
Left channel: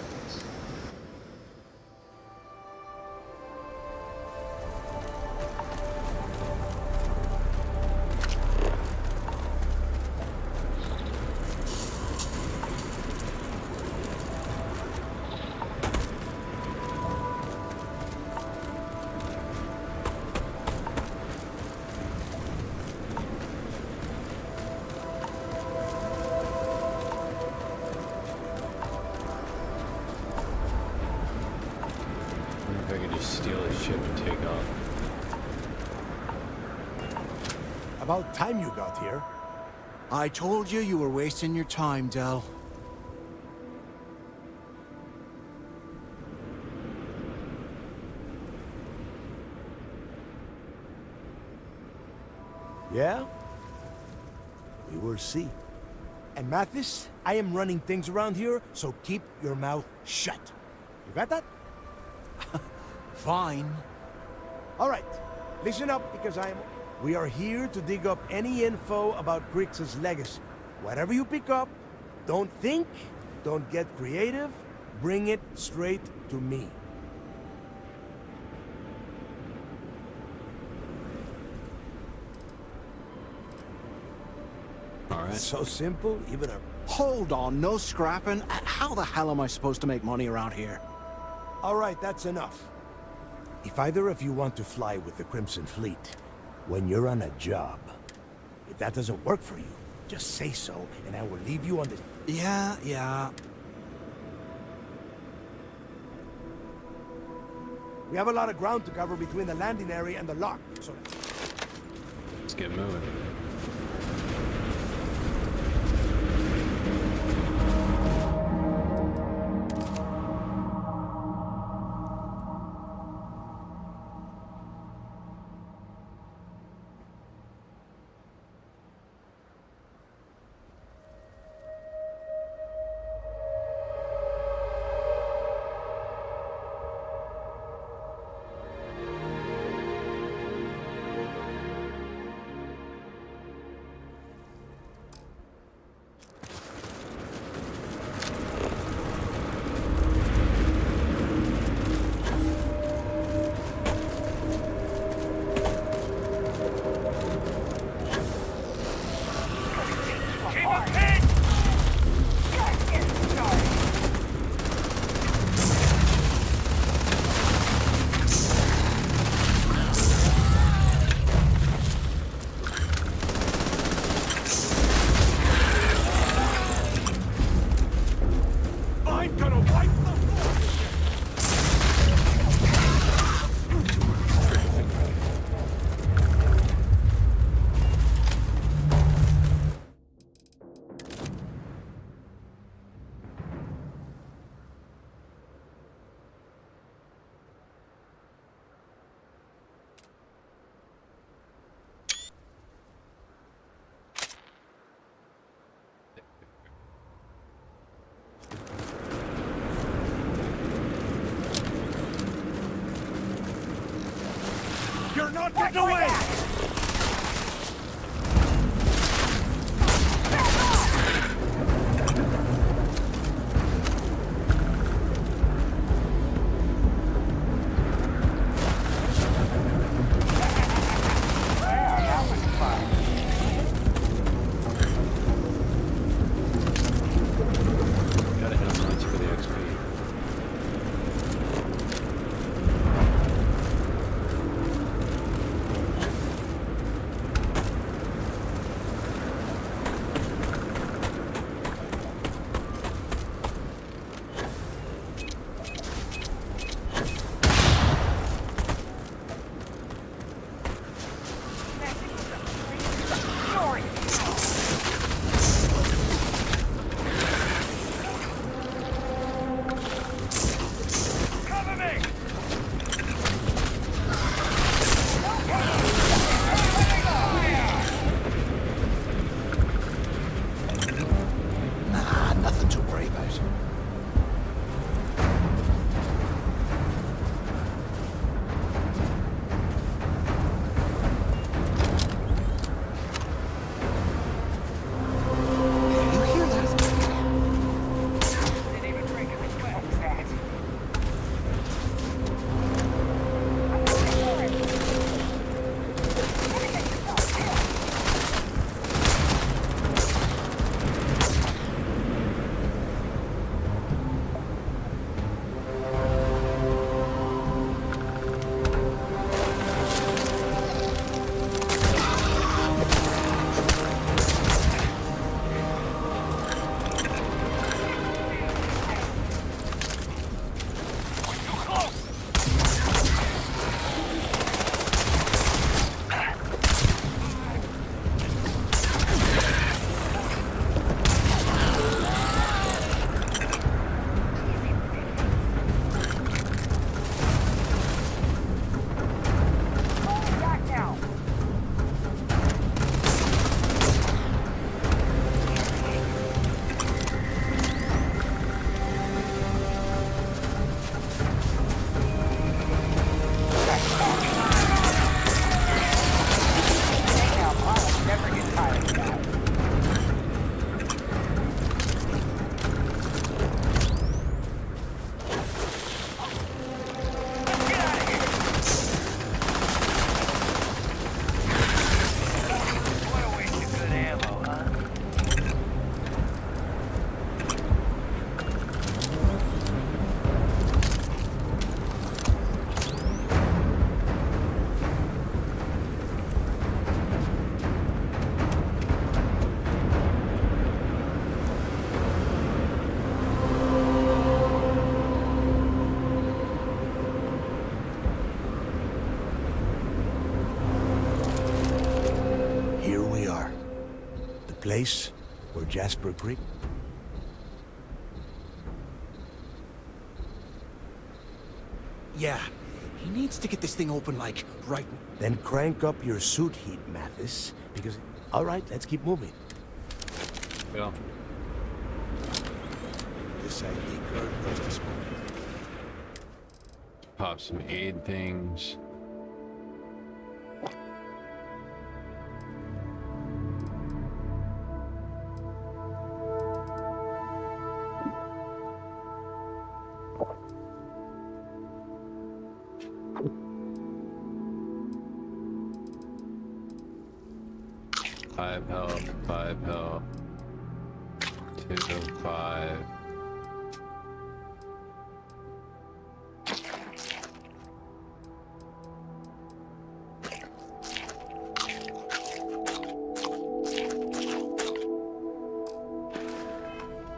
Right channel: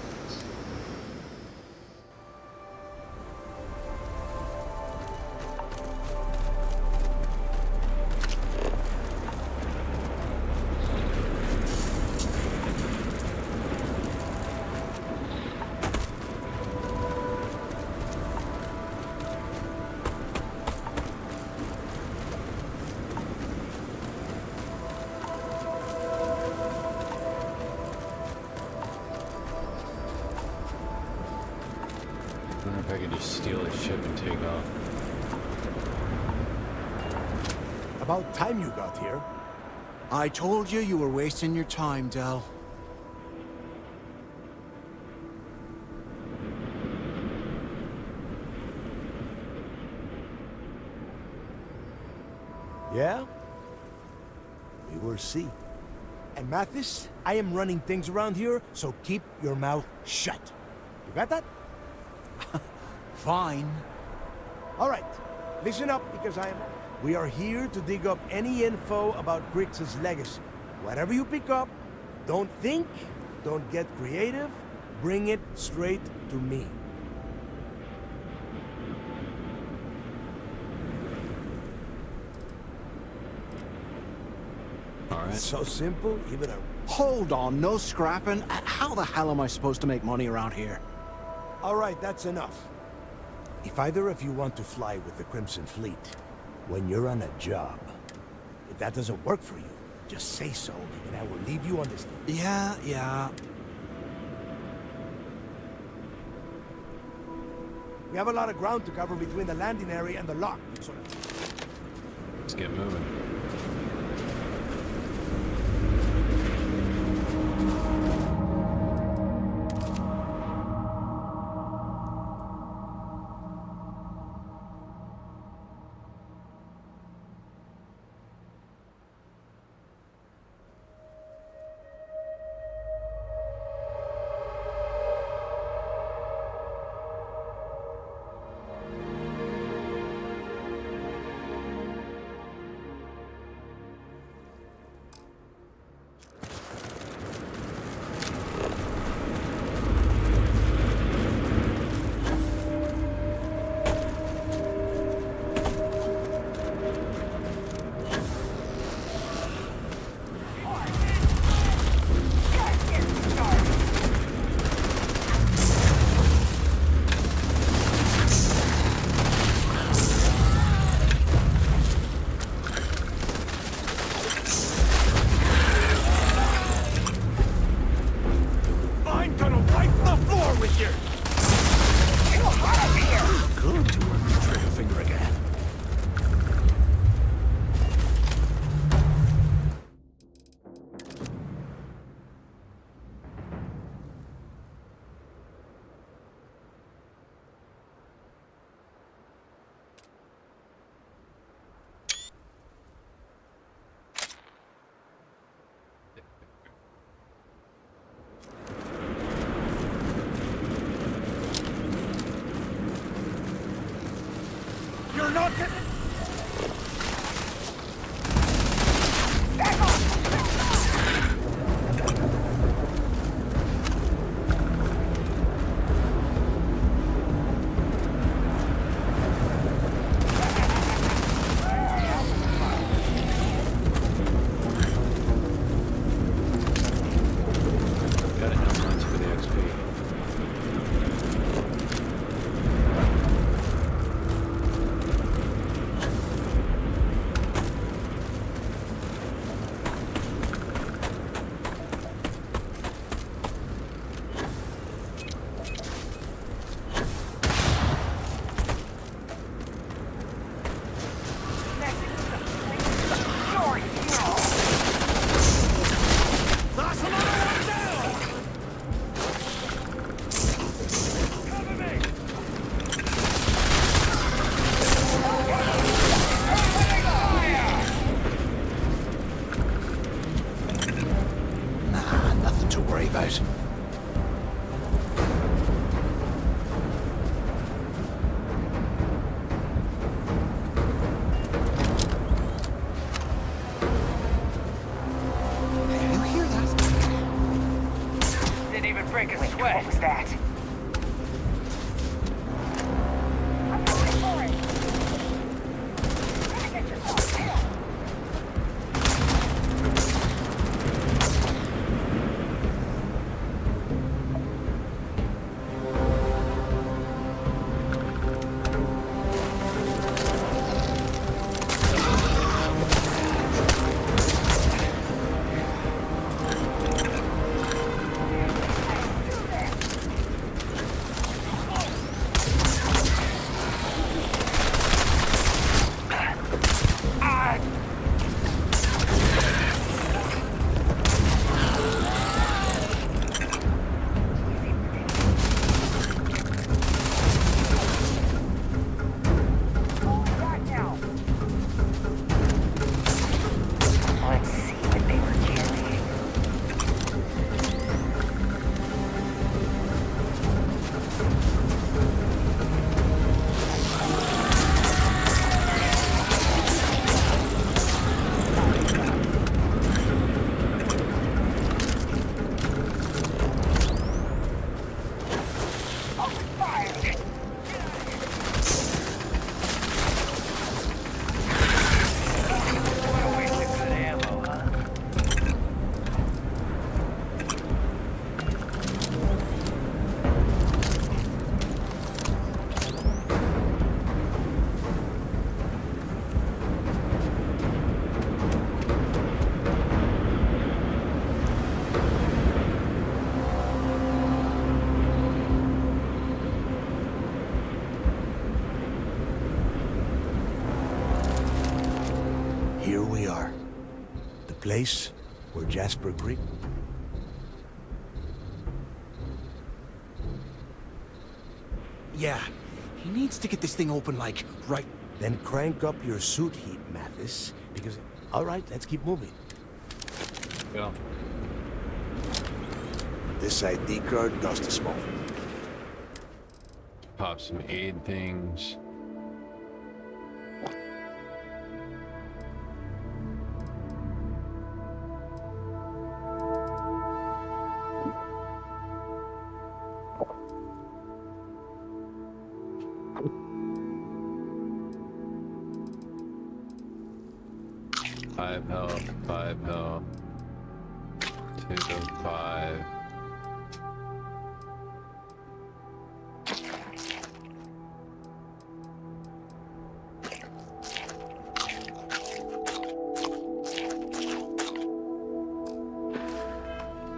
I wonder if I could just steal a ship and take off. About time you got here. I told you you were wasting your time, Del. Yeah? We will see. And Mathis, I am running things around here, so keep your mouth shut. You got that? Fine. All right, listen up because we are here to dig up any info about Crix's legacy. Whatever you pick up, don't think, don't get creative, bring it straight to me. All right. So simple, even a... Hold on, no scrapping. How the hell am I supposed to make money around here? All right, that's enough. If either of you want to fly with the Crimson Fleet, when you're on a job, if that doesn't work for you, just say so, and I will leave you on this... Yeah. We have a lot of ground to cover between the landing area and the lock, so... Let's get moving. You're not getting away! Gotta hit him once for the XP. Nah, nothing to worry about. You hear that? Didn't even break a sweat. What was that? I'm going for it. Gotta get yourself killed. Here we are. The place where Jasper Creek... Yeah, he needs to get this thing open, like, right... Then crank up your suit heat, Mathis, because... All right, let's keep moving. Yeah. This ID card cost a smoke. Pop some aid things. Five health, 5 health. 2, 5.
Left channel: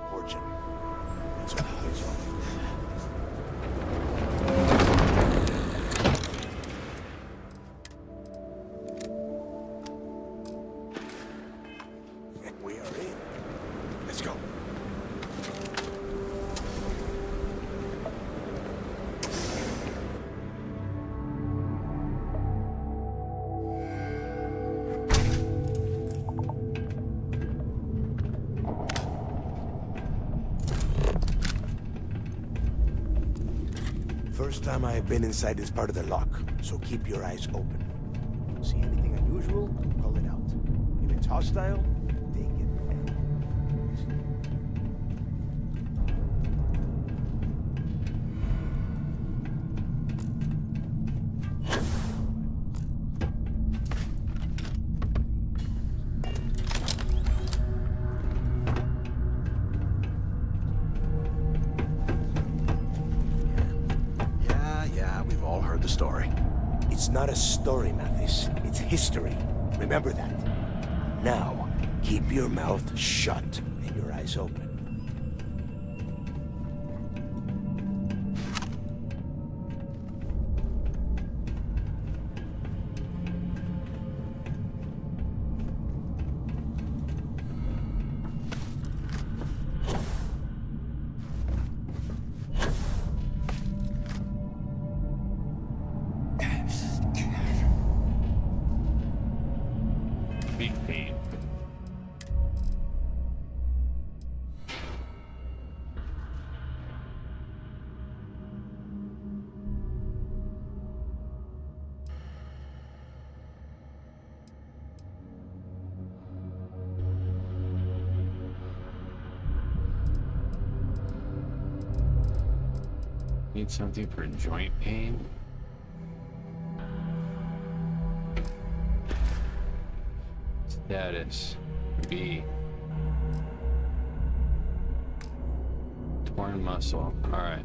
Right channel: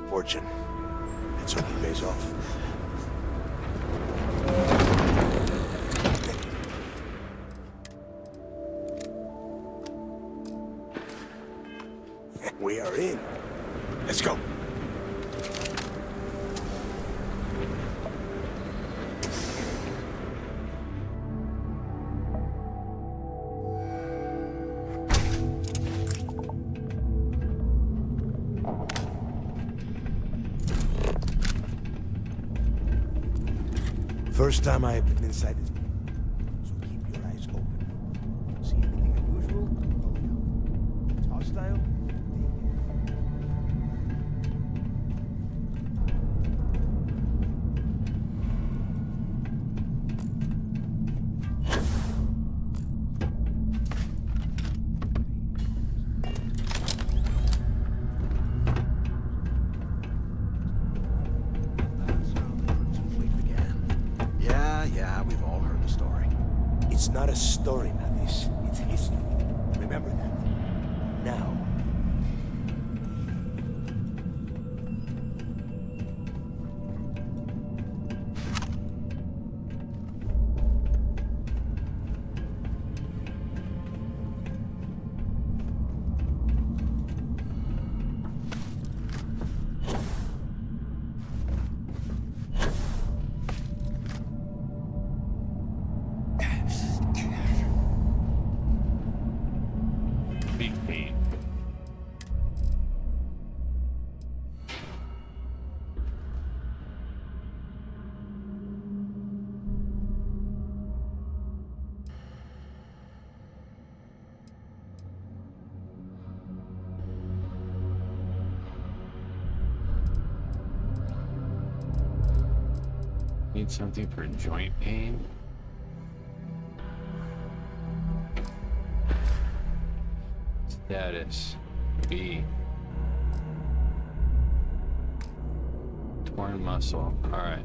Fortune. Let's hope it pays off. We are in. Let's go. First time I have been inside this part of the lock, so keep your eyes open. See anything unusual, call it out. If it's hostile, take it. Yeah, we've all heard the story. It's not a story, Mathis. It's history. Remember that. Now, keep your mouth shut and your eyes open. Big pain. Need something for joint pain? Status B. Torn muscle. All right.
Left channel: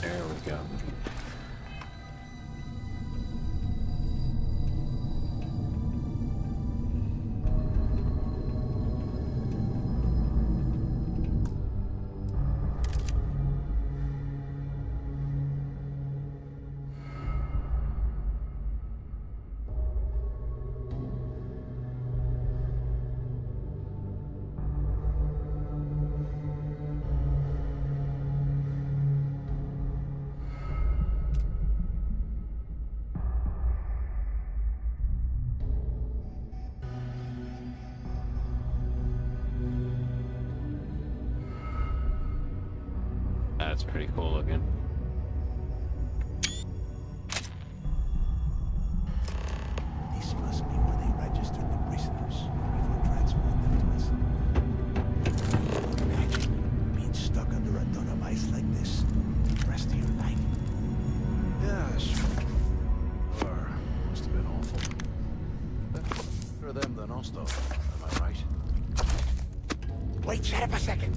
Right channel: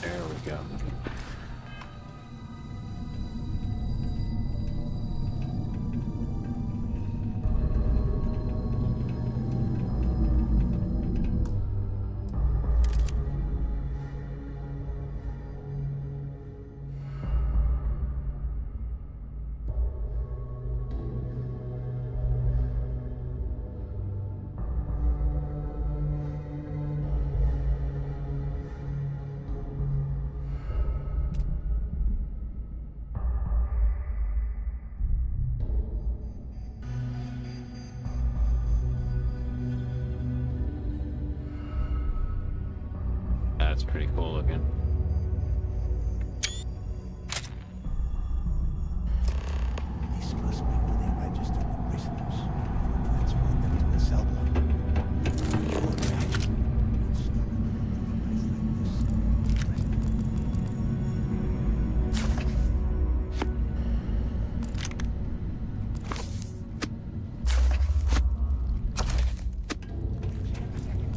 There we go. That's pretty cool looking. This must be where they registered the prisoners before transferring them to a cell block. Imagine being stuck under a ton of ice like this the rest of your life. Yeah, sure. Must have been awful. For them than us, though. Am I right? Wait, shut up a second.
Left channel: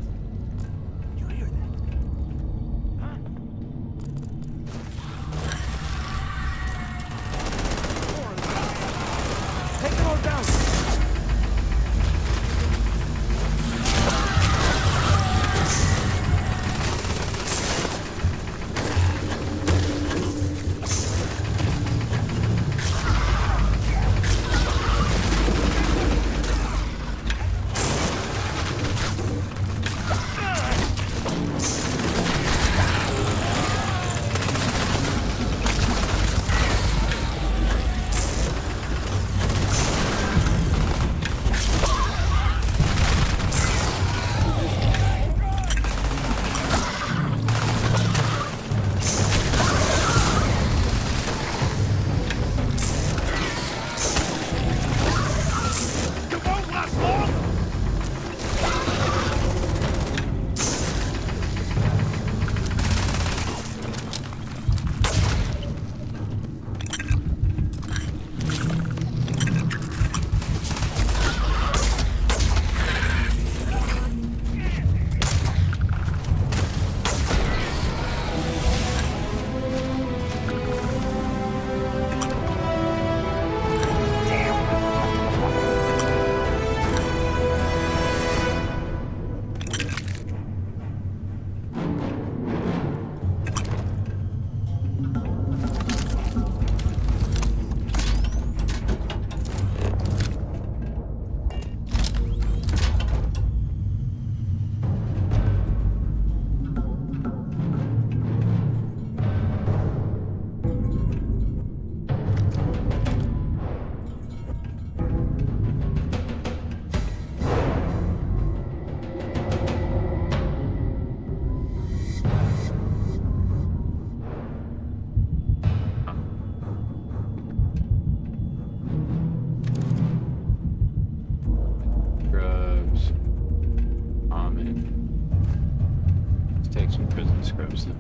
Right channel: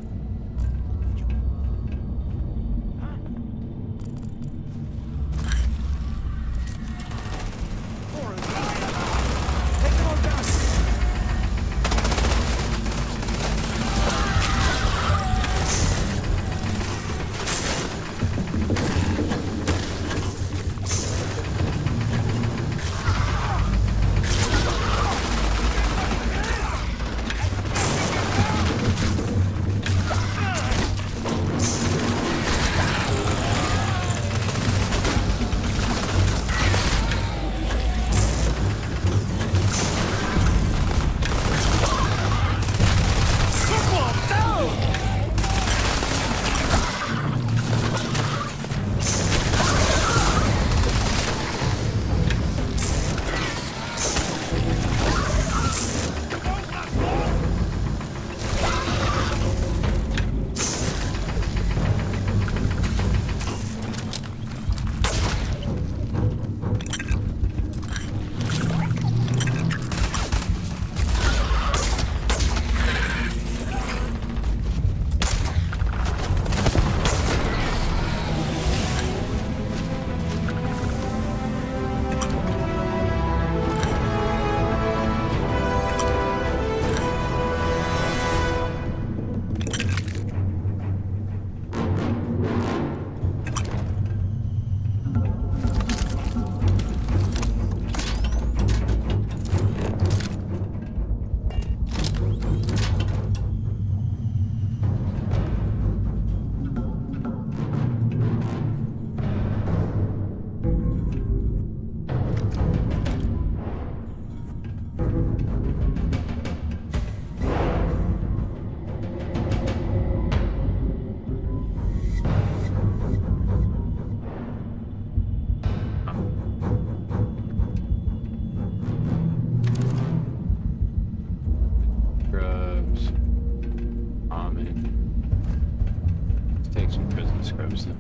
take some prison scrubs then.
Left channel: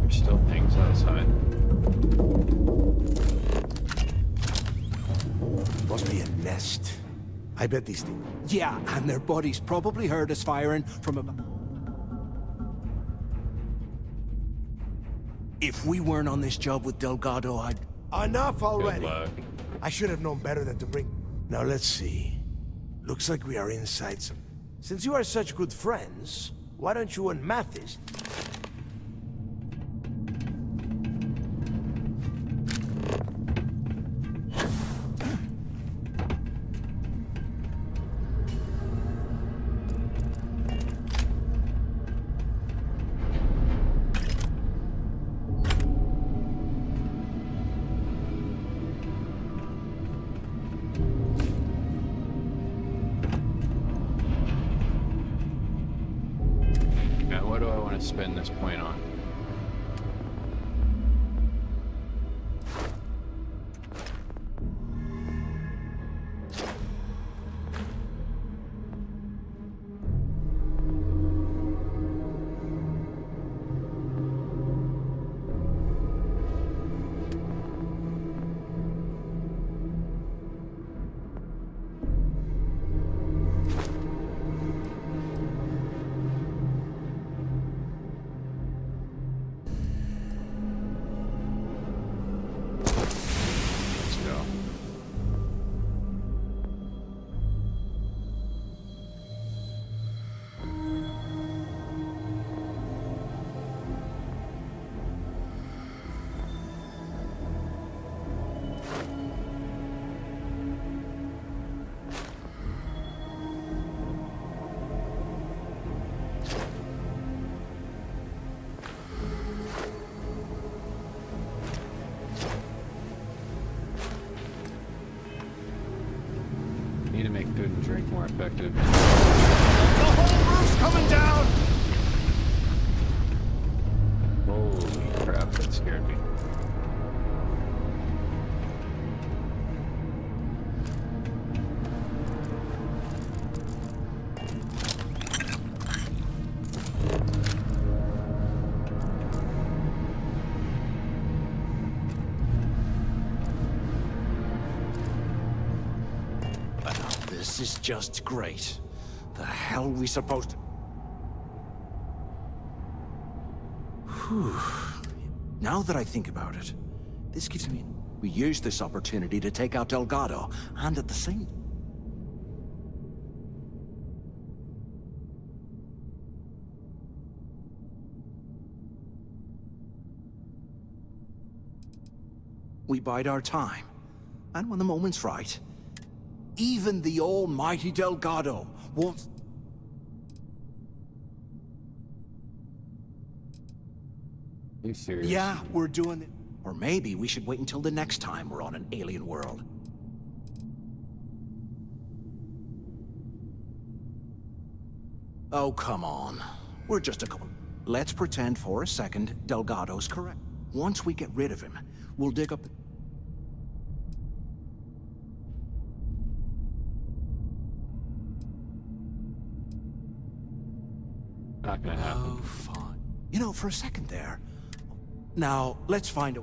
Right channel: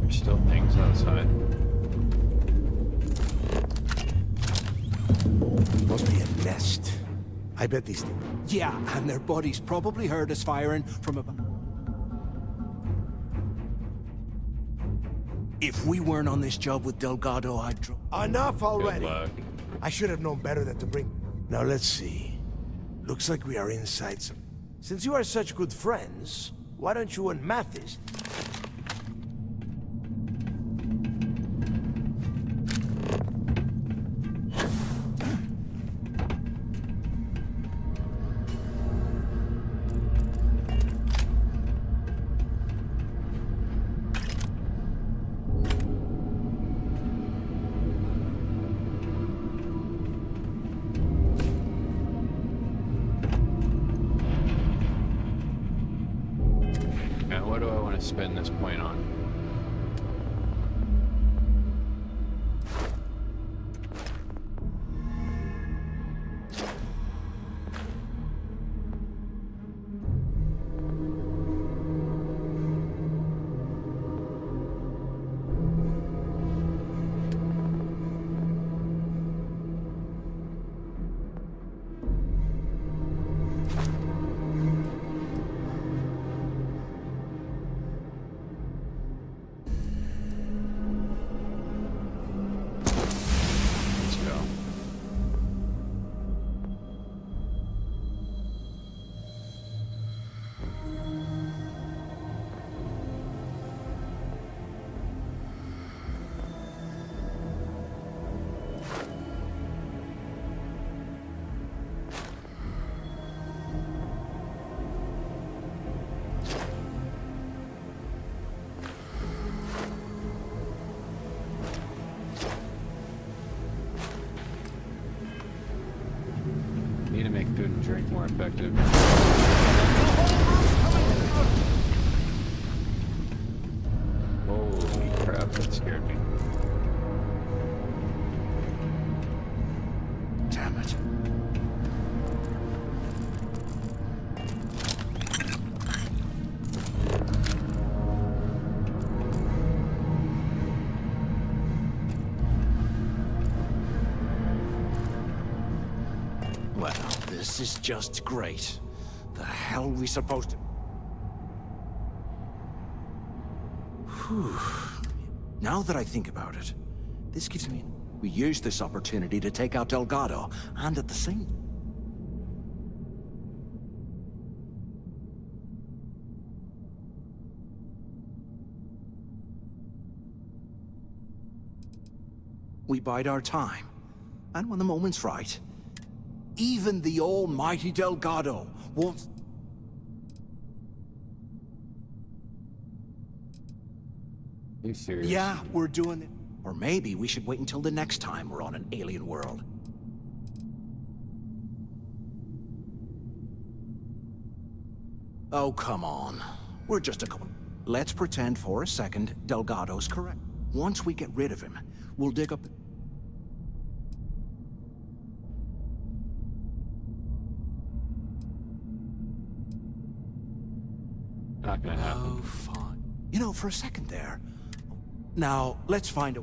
There's still things outside. Must be a nest. I bet these things... Yeah, and their buddies probably heard us firing from about... If we weren't on this job with Delgado, I'd... Enough already! Good luck. I should have known better than to bring... Now let's see. Looks like we are inside some... Since you are such good friends, why don't you and Mathis... Now, what do I want to spend this point on? Let's go. Need to make food and drink more effective. The whole roof's coming down! Holy crap, that scared me. Damn it. Well, this is just great. The hell we supposed to... Whew. Now that I think about it, this gives me... We used this opportunity to take out Delgado, and at the same... We bide our time. And when the moment's right, even the almighty Delgado won't... You serious? Yeah, we're doing it. Or maybe we should wait until the next time we're on an alien world. Oh, come on. We're just a couple... Let's pretend for a second Delgado's correct. Once we get rid of him, we'll dig up the... Not gonna happen. Oh, fine. You know, for a second there... Now, let's find a...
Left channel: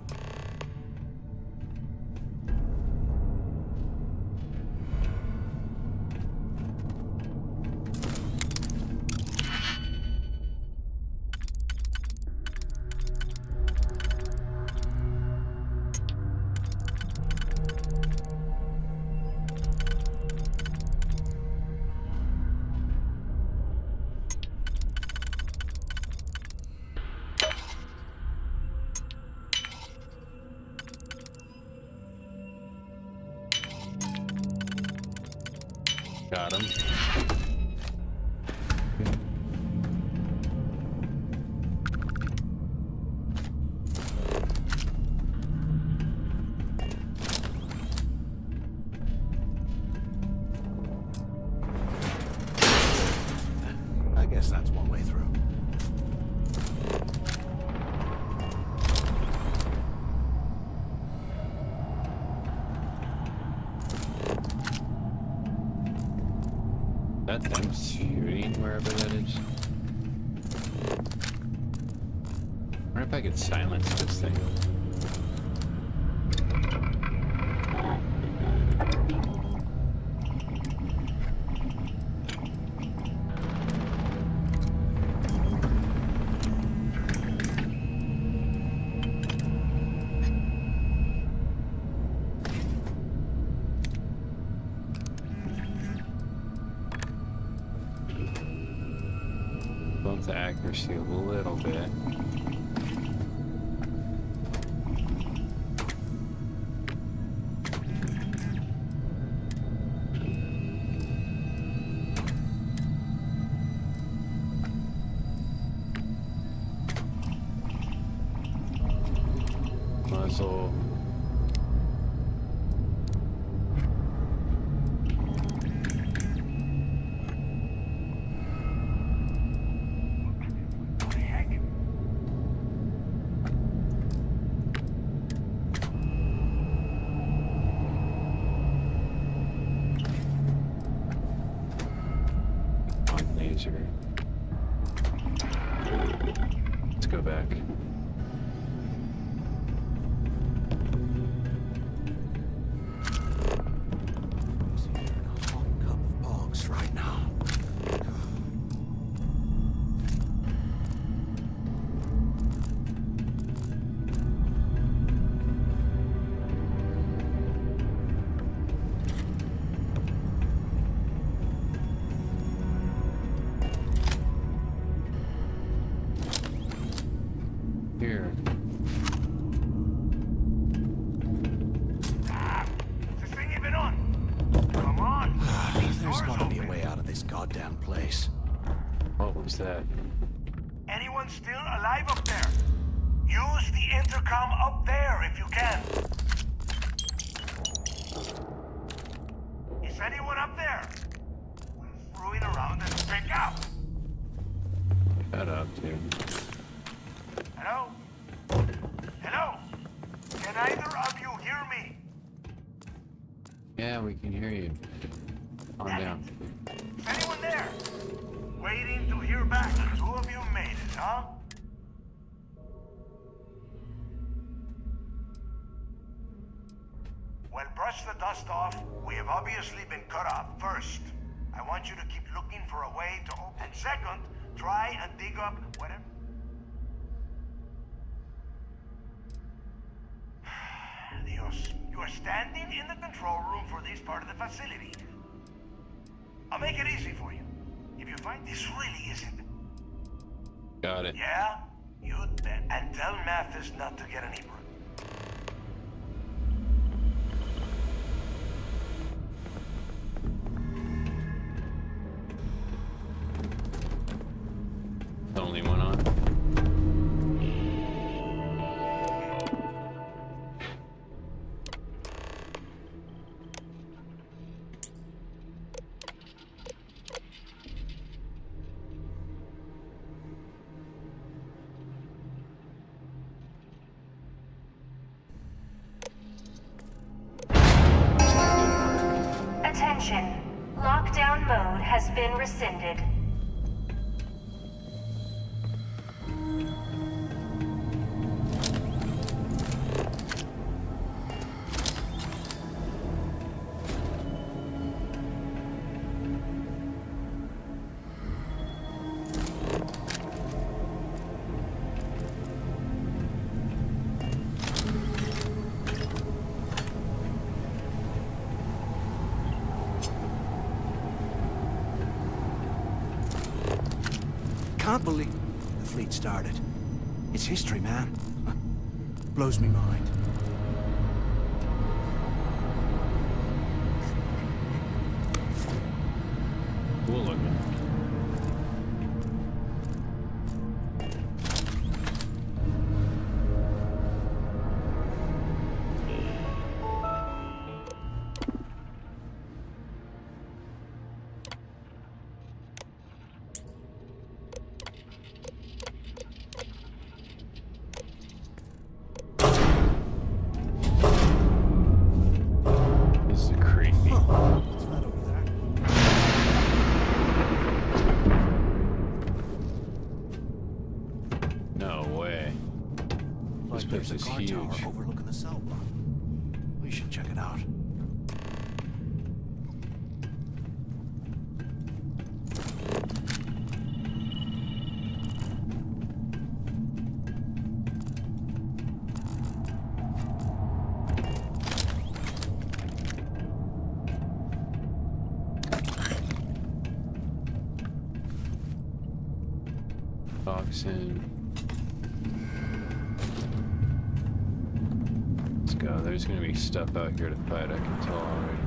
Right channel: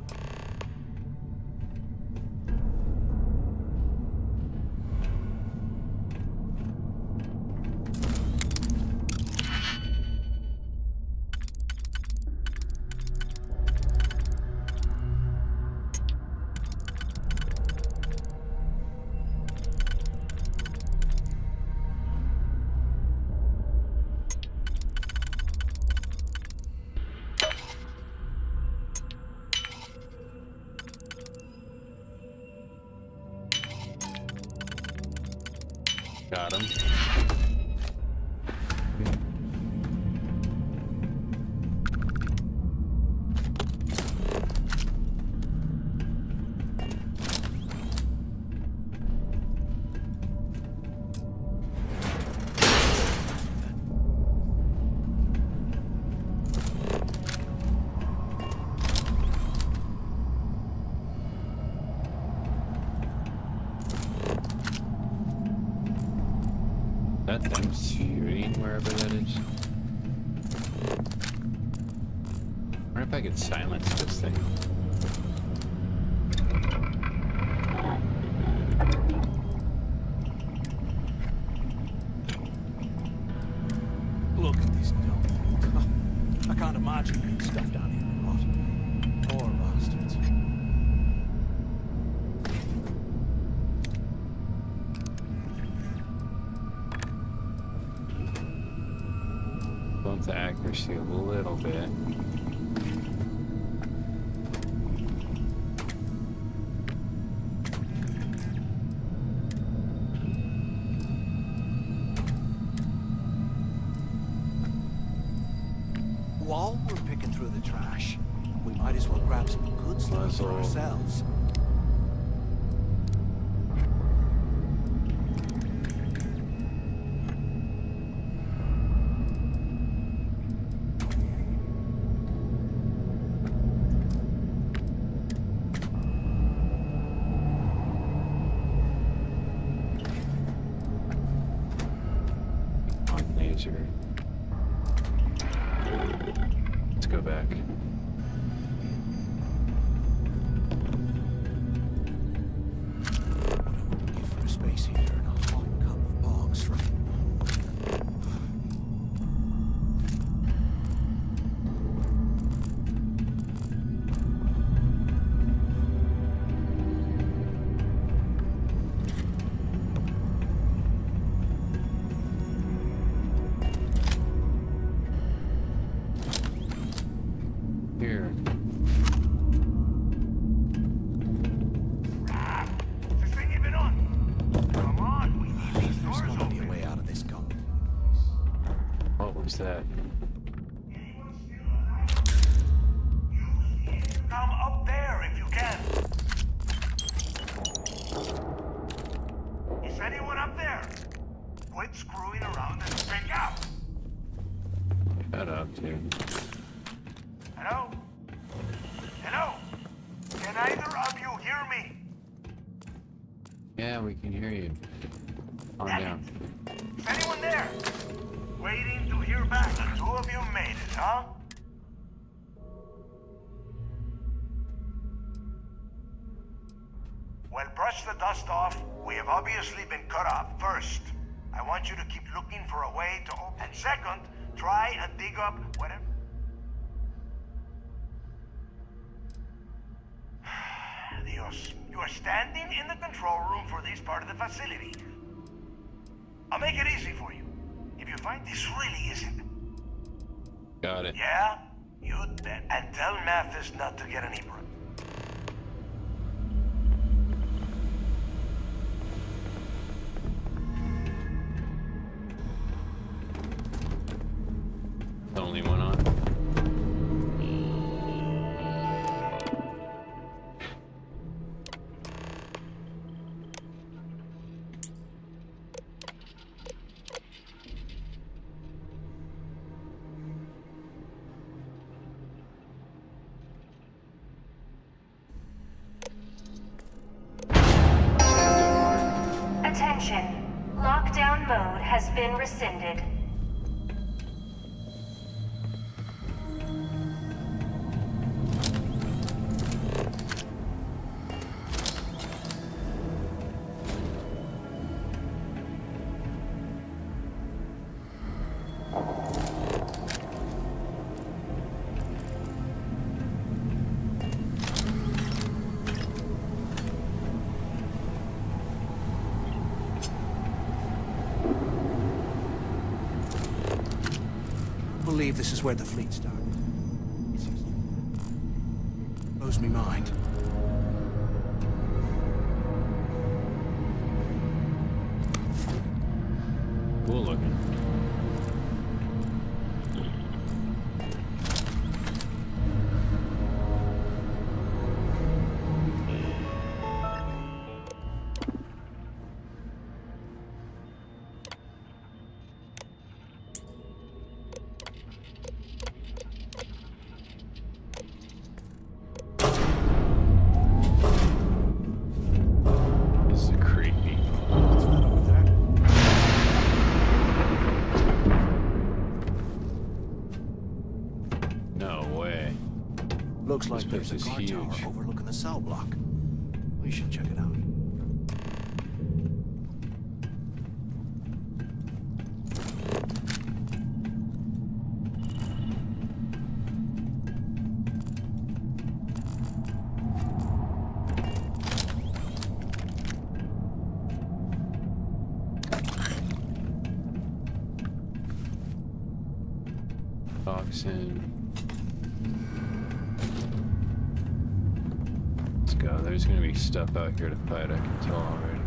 Got him. I guess that's one way through. That them shooting wherever that is. I wonder if I could silence this thing. Look at these people. I can't imagine them stuff down for poor bastards. Bump the accuracy a little bit. While we're picking through the trash, we might as well grab some good stuff for ourselves. On laser. Let's go back. Space heater and a hot cup of bogs right now. Here. Is this thing even on? Come on. There's gotta be a way out of this goddamn place. What was that? Anyone still alive up there? Use the intercom up there if you can. Is anyone up there? Quit screwing around and pick up. Shut up, dude. Hello? Hello? Can either of you hear me? Yeah, we can hear you. Calm down. Is anyone there? Waiting to hear back. The two of you made it, huh? Well, brush the dust off. We have obviously been cut off. First, I want you to keep looking for a way to open. And second, try and dig up whatever. Dios, you are standing in the control room for this part of the facility. I'll make it easy for you. If you find this really isn't. Got it. Yeah? You'd bet. And tell Mathis not to get any break. The only one on. Attention. Lockdown mode has been rescinded. Can't believe this is where the fleet started. It's history, man. Blows me mind. Cool looking. This is creepy. What's that over there? Looks like place there's a is guard tower huge. overlooking the cell block. We should check it out. Toxin. Let's go. There's gonna be stuff out here to fight, I can tell already.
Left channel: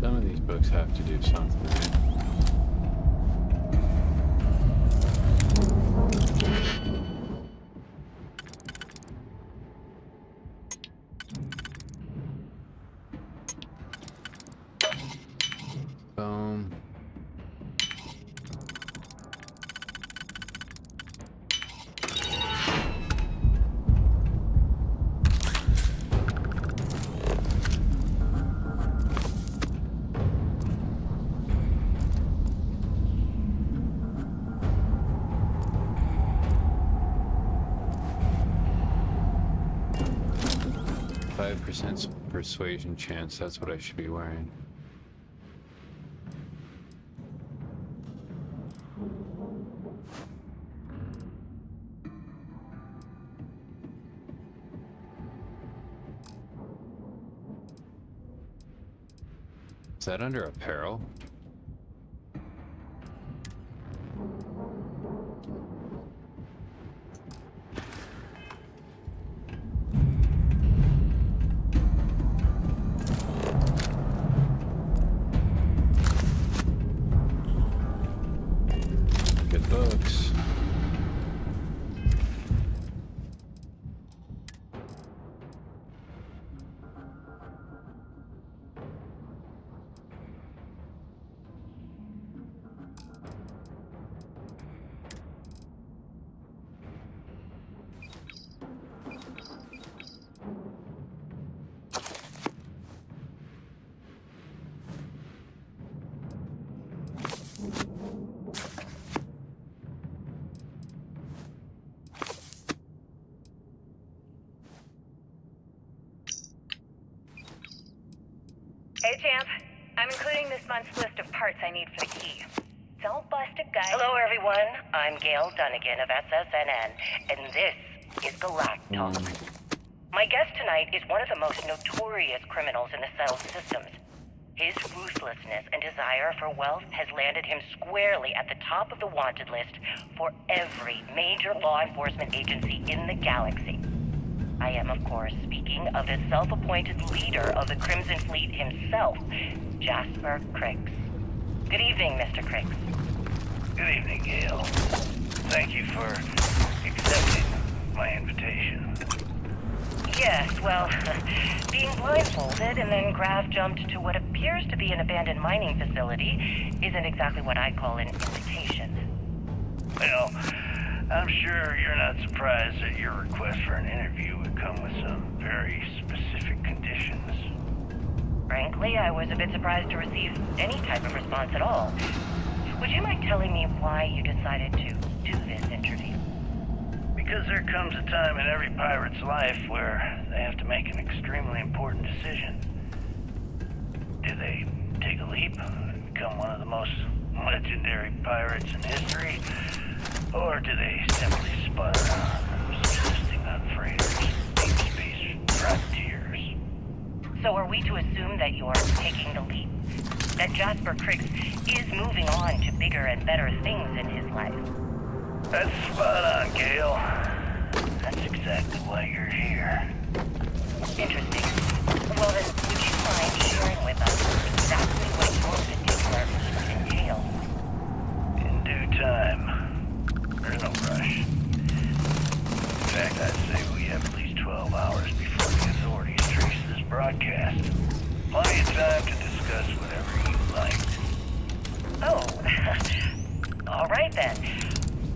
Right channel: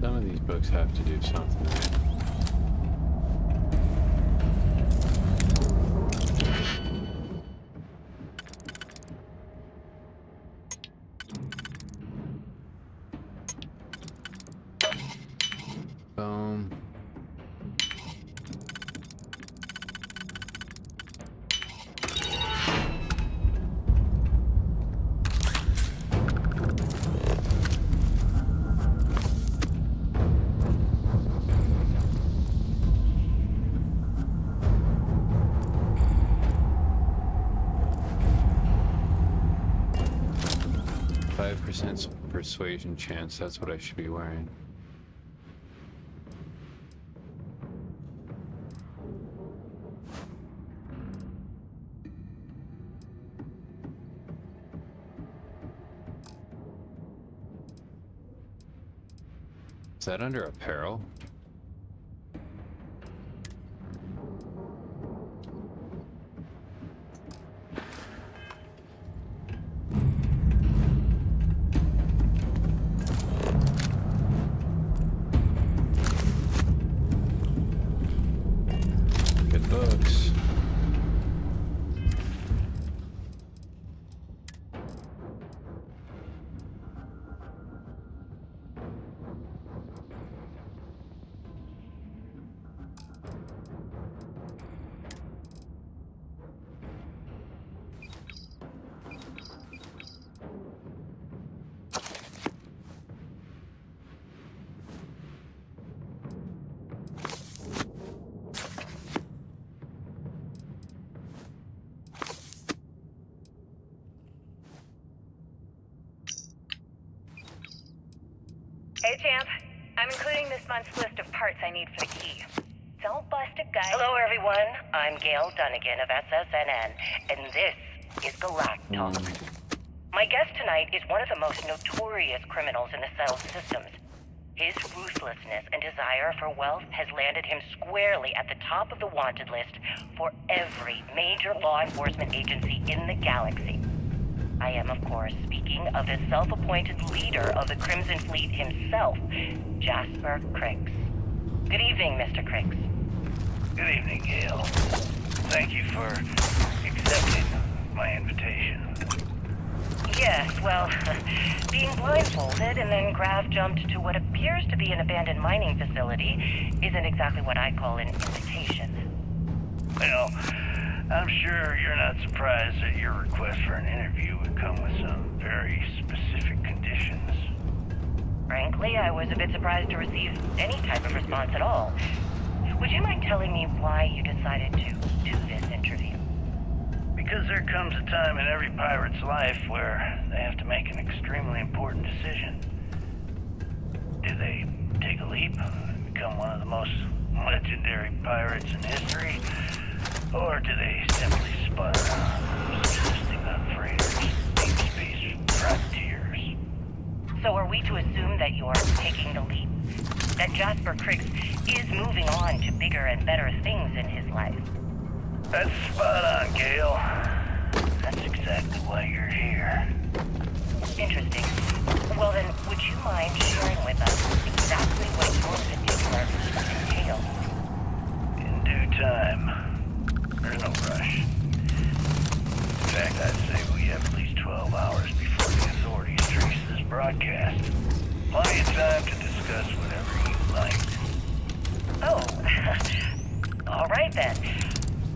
Some of these books have to do something, right? Boom. 5% persuasion chance, that's what I should be wearing. Is that under apparel? Good books. Hey, champ. I'm including this month's list of parts I need for the key. Don't bust a gut. Hello, everyone. I'm Gail Dunnigan of SSNN, and this is Galactus. My guest tonight is one of the most notorious criminals in the settled systems. His ruthlessness and desire for wealth has landed him squarely at the top of the wanted list for every major law enforcement agency in the galaxy. I am, of course, speaking of the self-appointed leader of the Crimson Fleet himself, Jasper Cricks. Good evening, Mr. Cricks. Good evening, Gale. Thank you for accepting my invitation. Yes, well, being blindfolded and then Graf jumped to what appears to be an abandoned mining facility isn't exactly what I call an invitation. Well, I'm sure you're not surprised that your request for an interview would come with some very specific conditions. Frankly, I was a bit surprised to receive any type of response at all. Would you mind telling me why you decided to do this interview? Because there comes a time in every pirate's life where they have to make an extremely important decision. Do they take a leap and become one of the most legendary pirates in history? Or do they simply spud around, subsisting on freighters, deep space privateers? So are we to assume that you're taking the leap? That Jasper Cricks is moving on to bigger and better things in his life? That's spot on, Gale. That's exactly why you're here. Interesting. Well then, would you mind sharing with us exactly what your particular leap entails? In due time. There's no rush. In fact, I'd say we have at least 12 hours before the authorities trace this broadcast. Plenty of time to discuss whatever you like. Oh, all right then.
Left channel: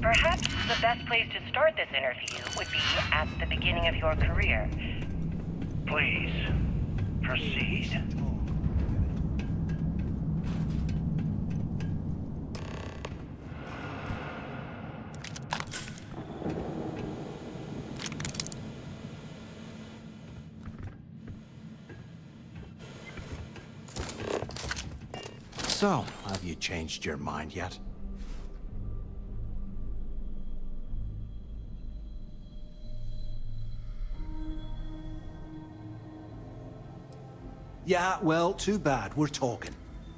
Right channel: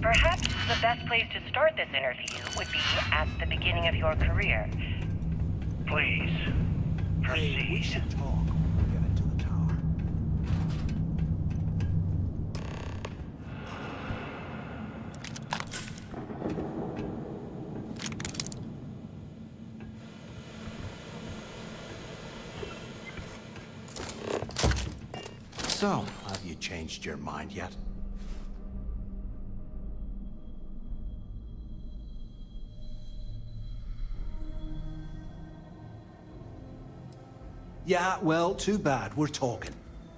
Perhaps the best place to start this interview would be at the beginning of your career. Please, proceed. So, have you changed your mind yet? Yeah, well, too bad. We're talking.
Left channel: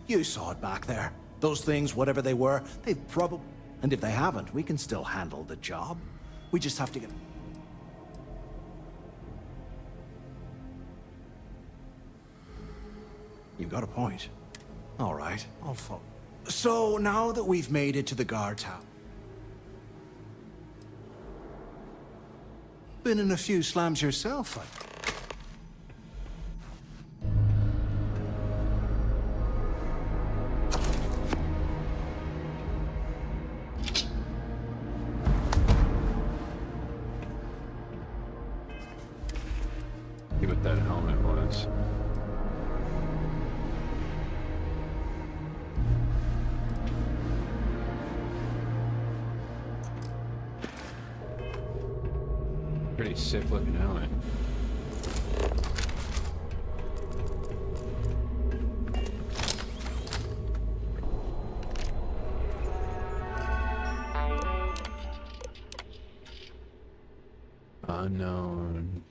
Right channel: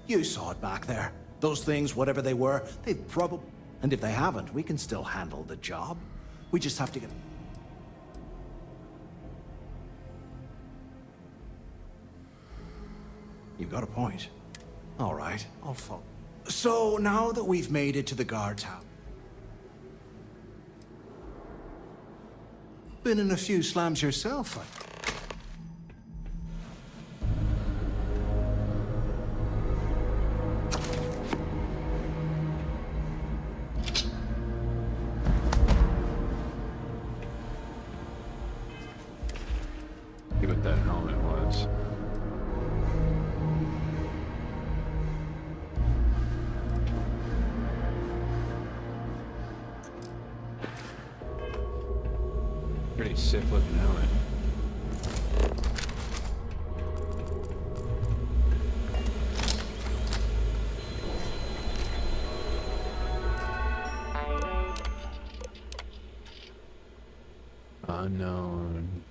You saw it back there. Those things, whatever they were, they've probably... And if they haven't, we can still handle the job. We just have to get... You've got a point. All right, I'll follow. So, now that we've made it to the guard's house... Been in a few slams yourself, See what that helmet was. Pretty sick looking helmet. Unknown.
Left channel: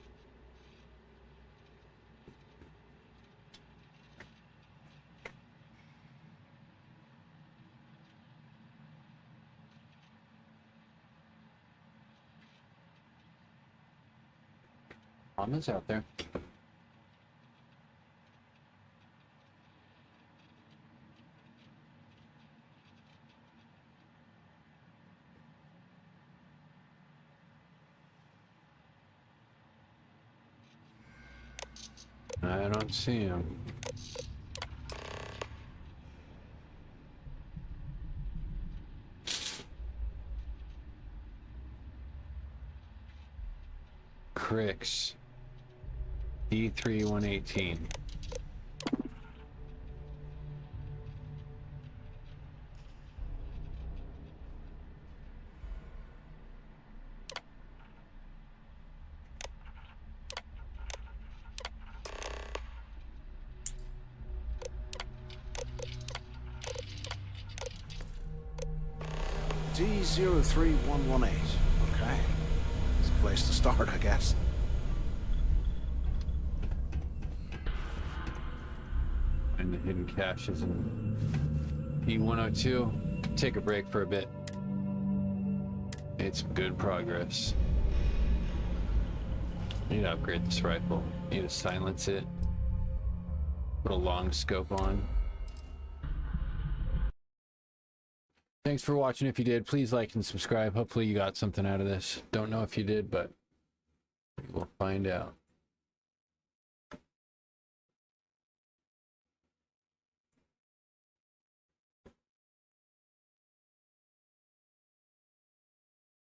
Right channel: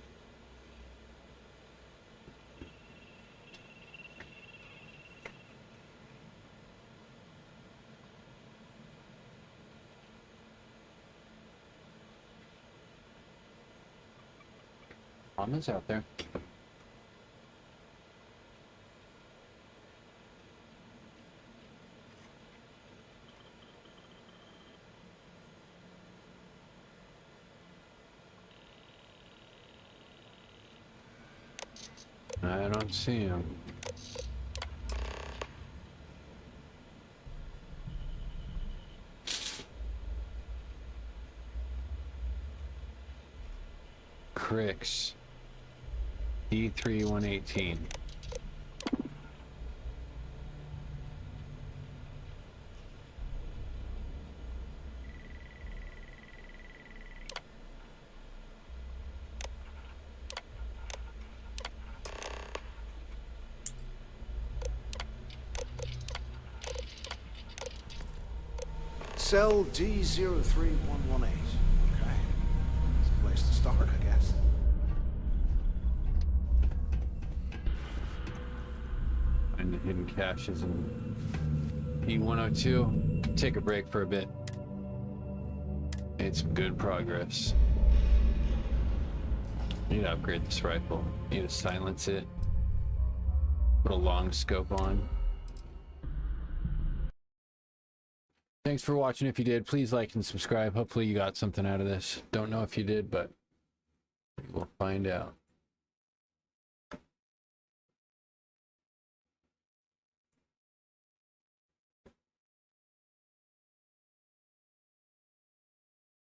Mama's out there. I don't see him. Cricks. D3118. Cell D03118. Okay. It's a place to start, I guess. the hidden caches in P102. Take a break for a bit. Made some good progress. Need to upgrade this rifle. Need to silence it. Put a long scope on. Thanks for watching. If you did, please like and subscribe. Hopefully you got something out of this. Don't know if you did, but we'll find out.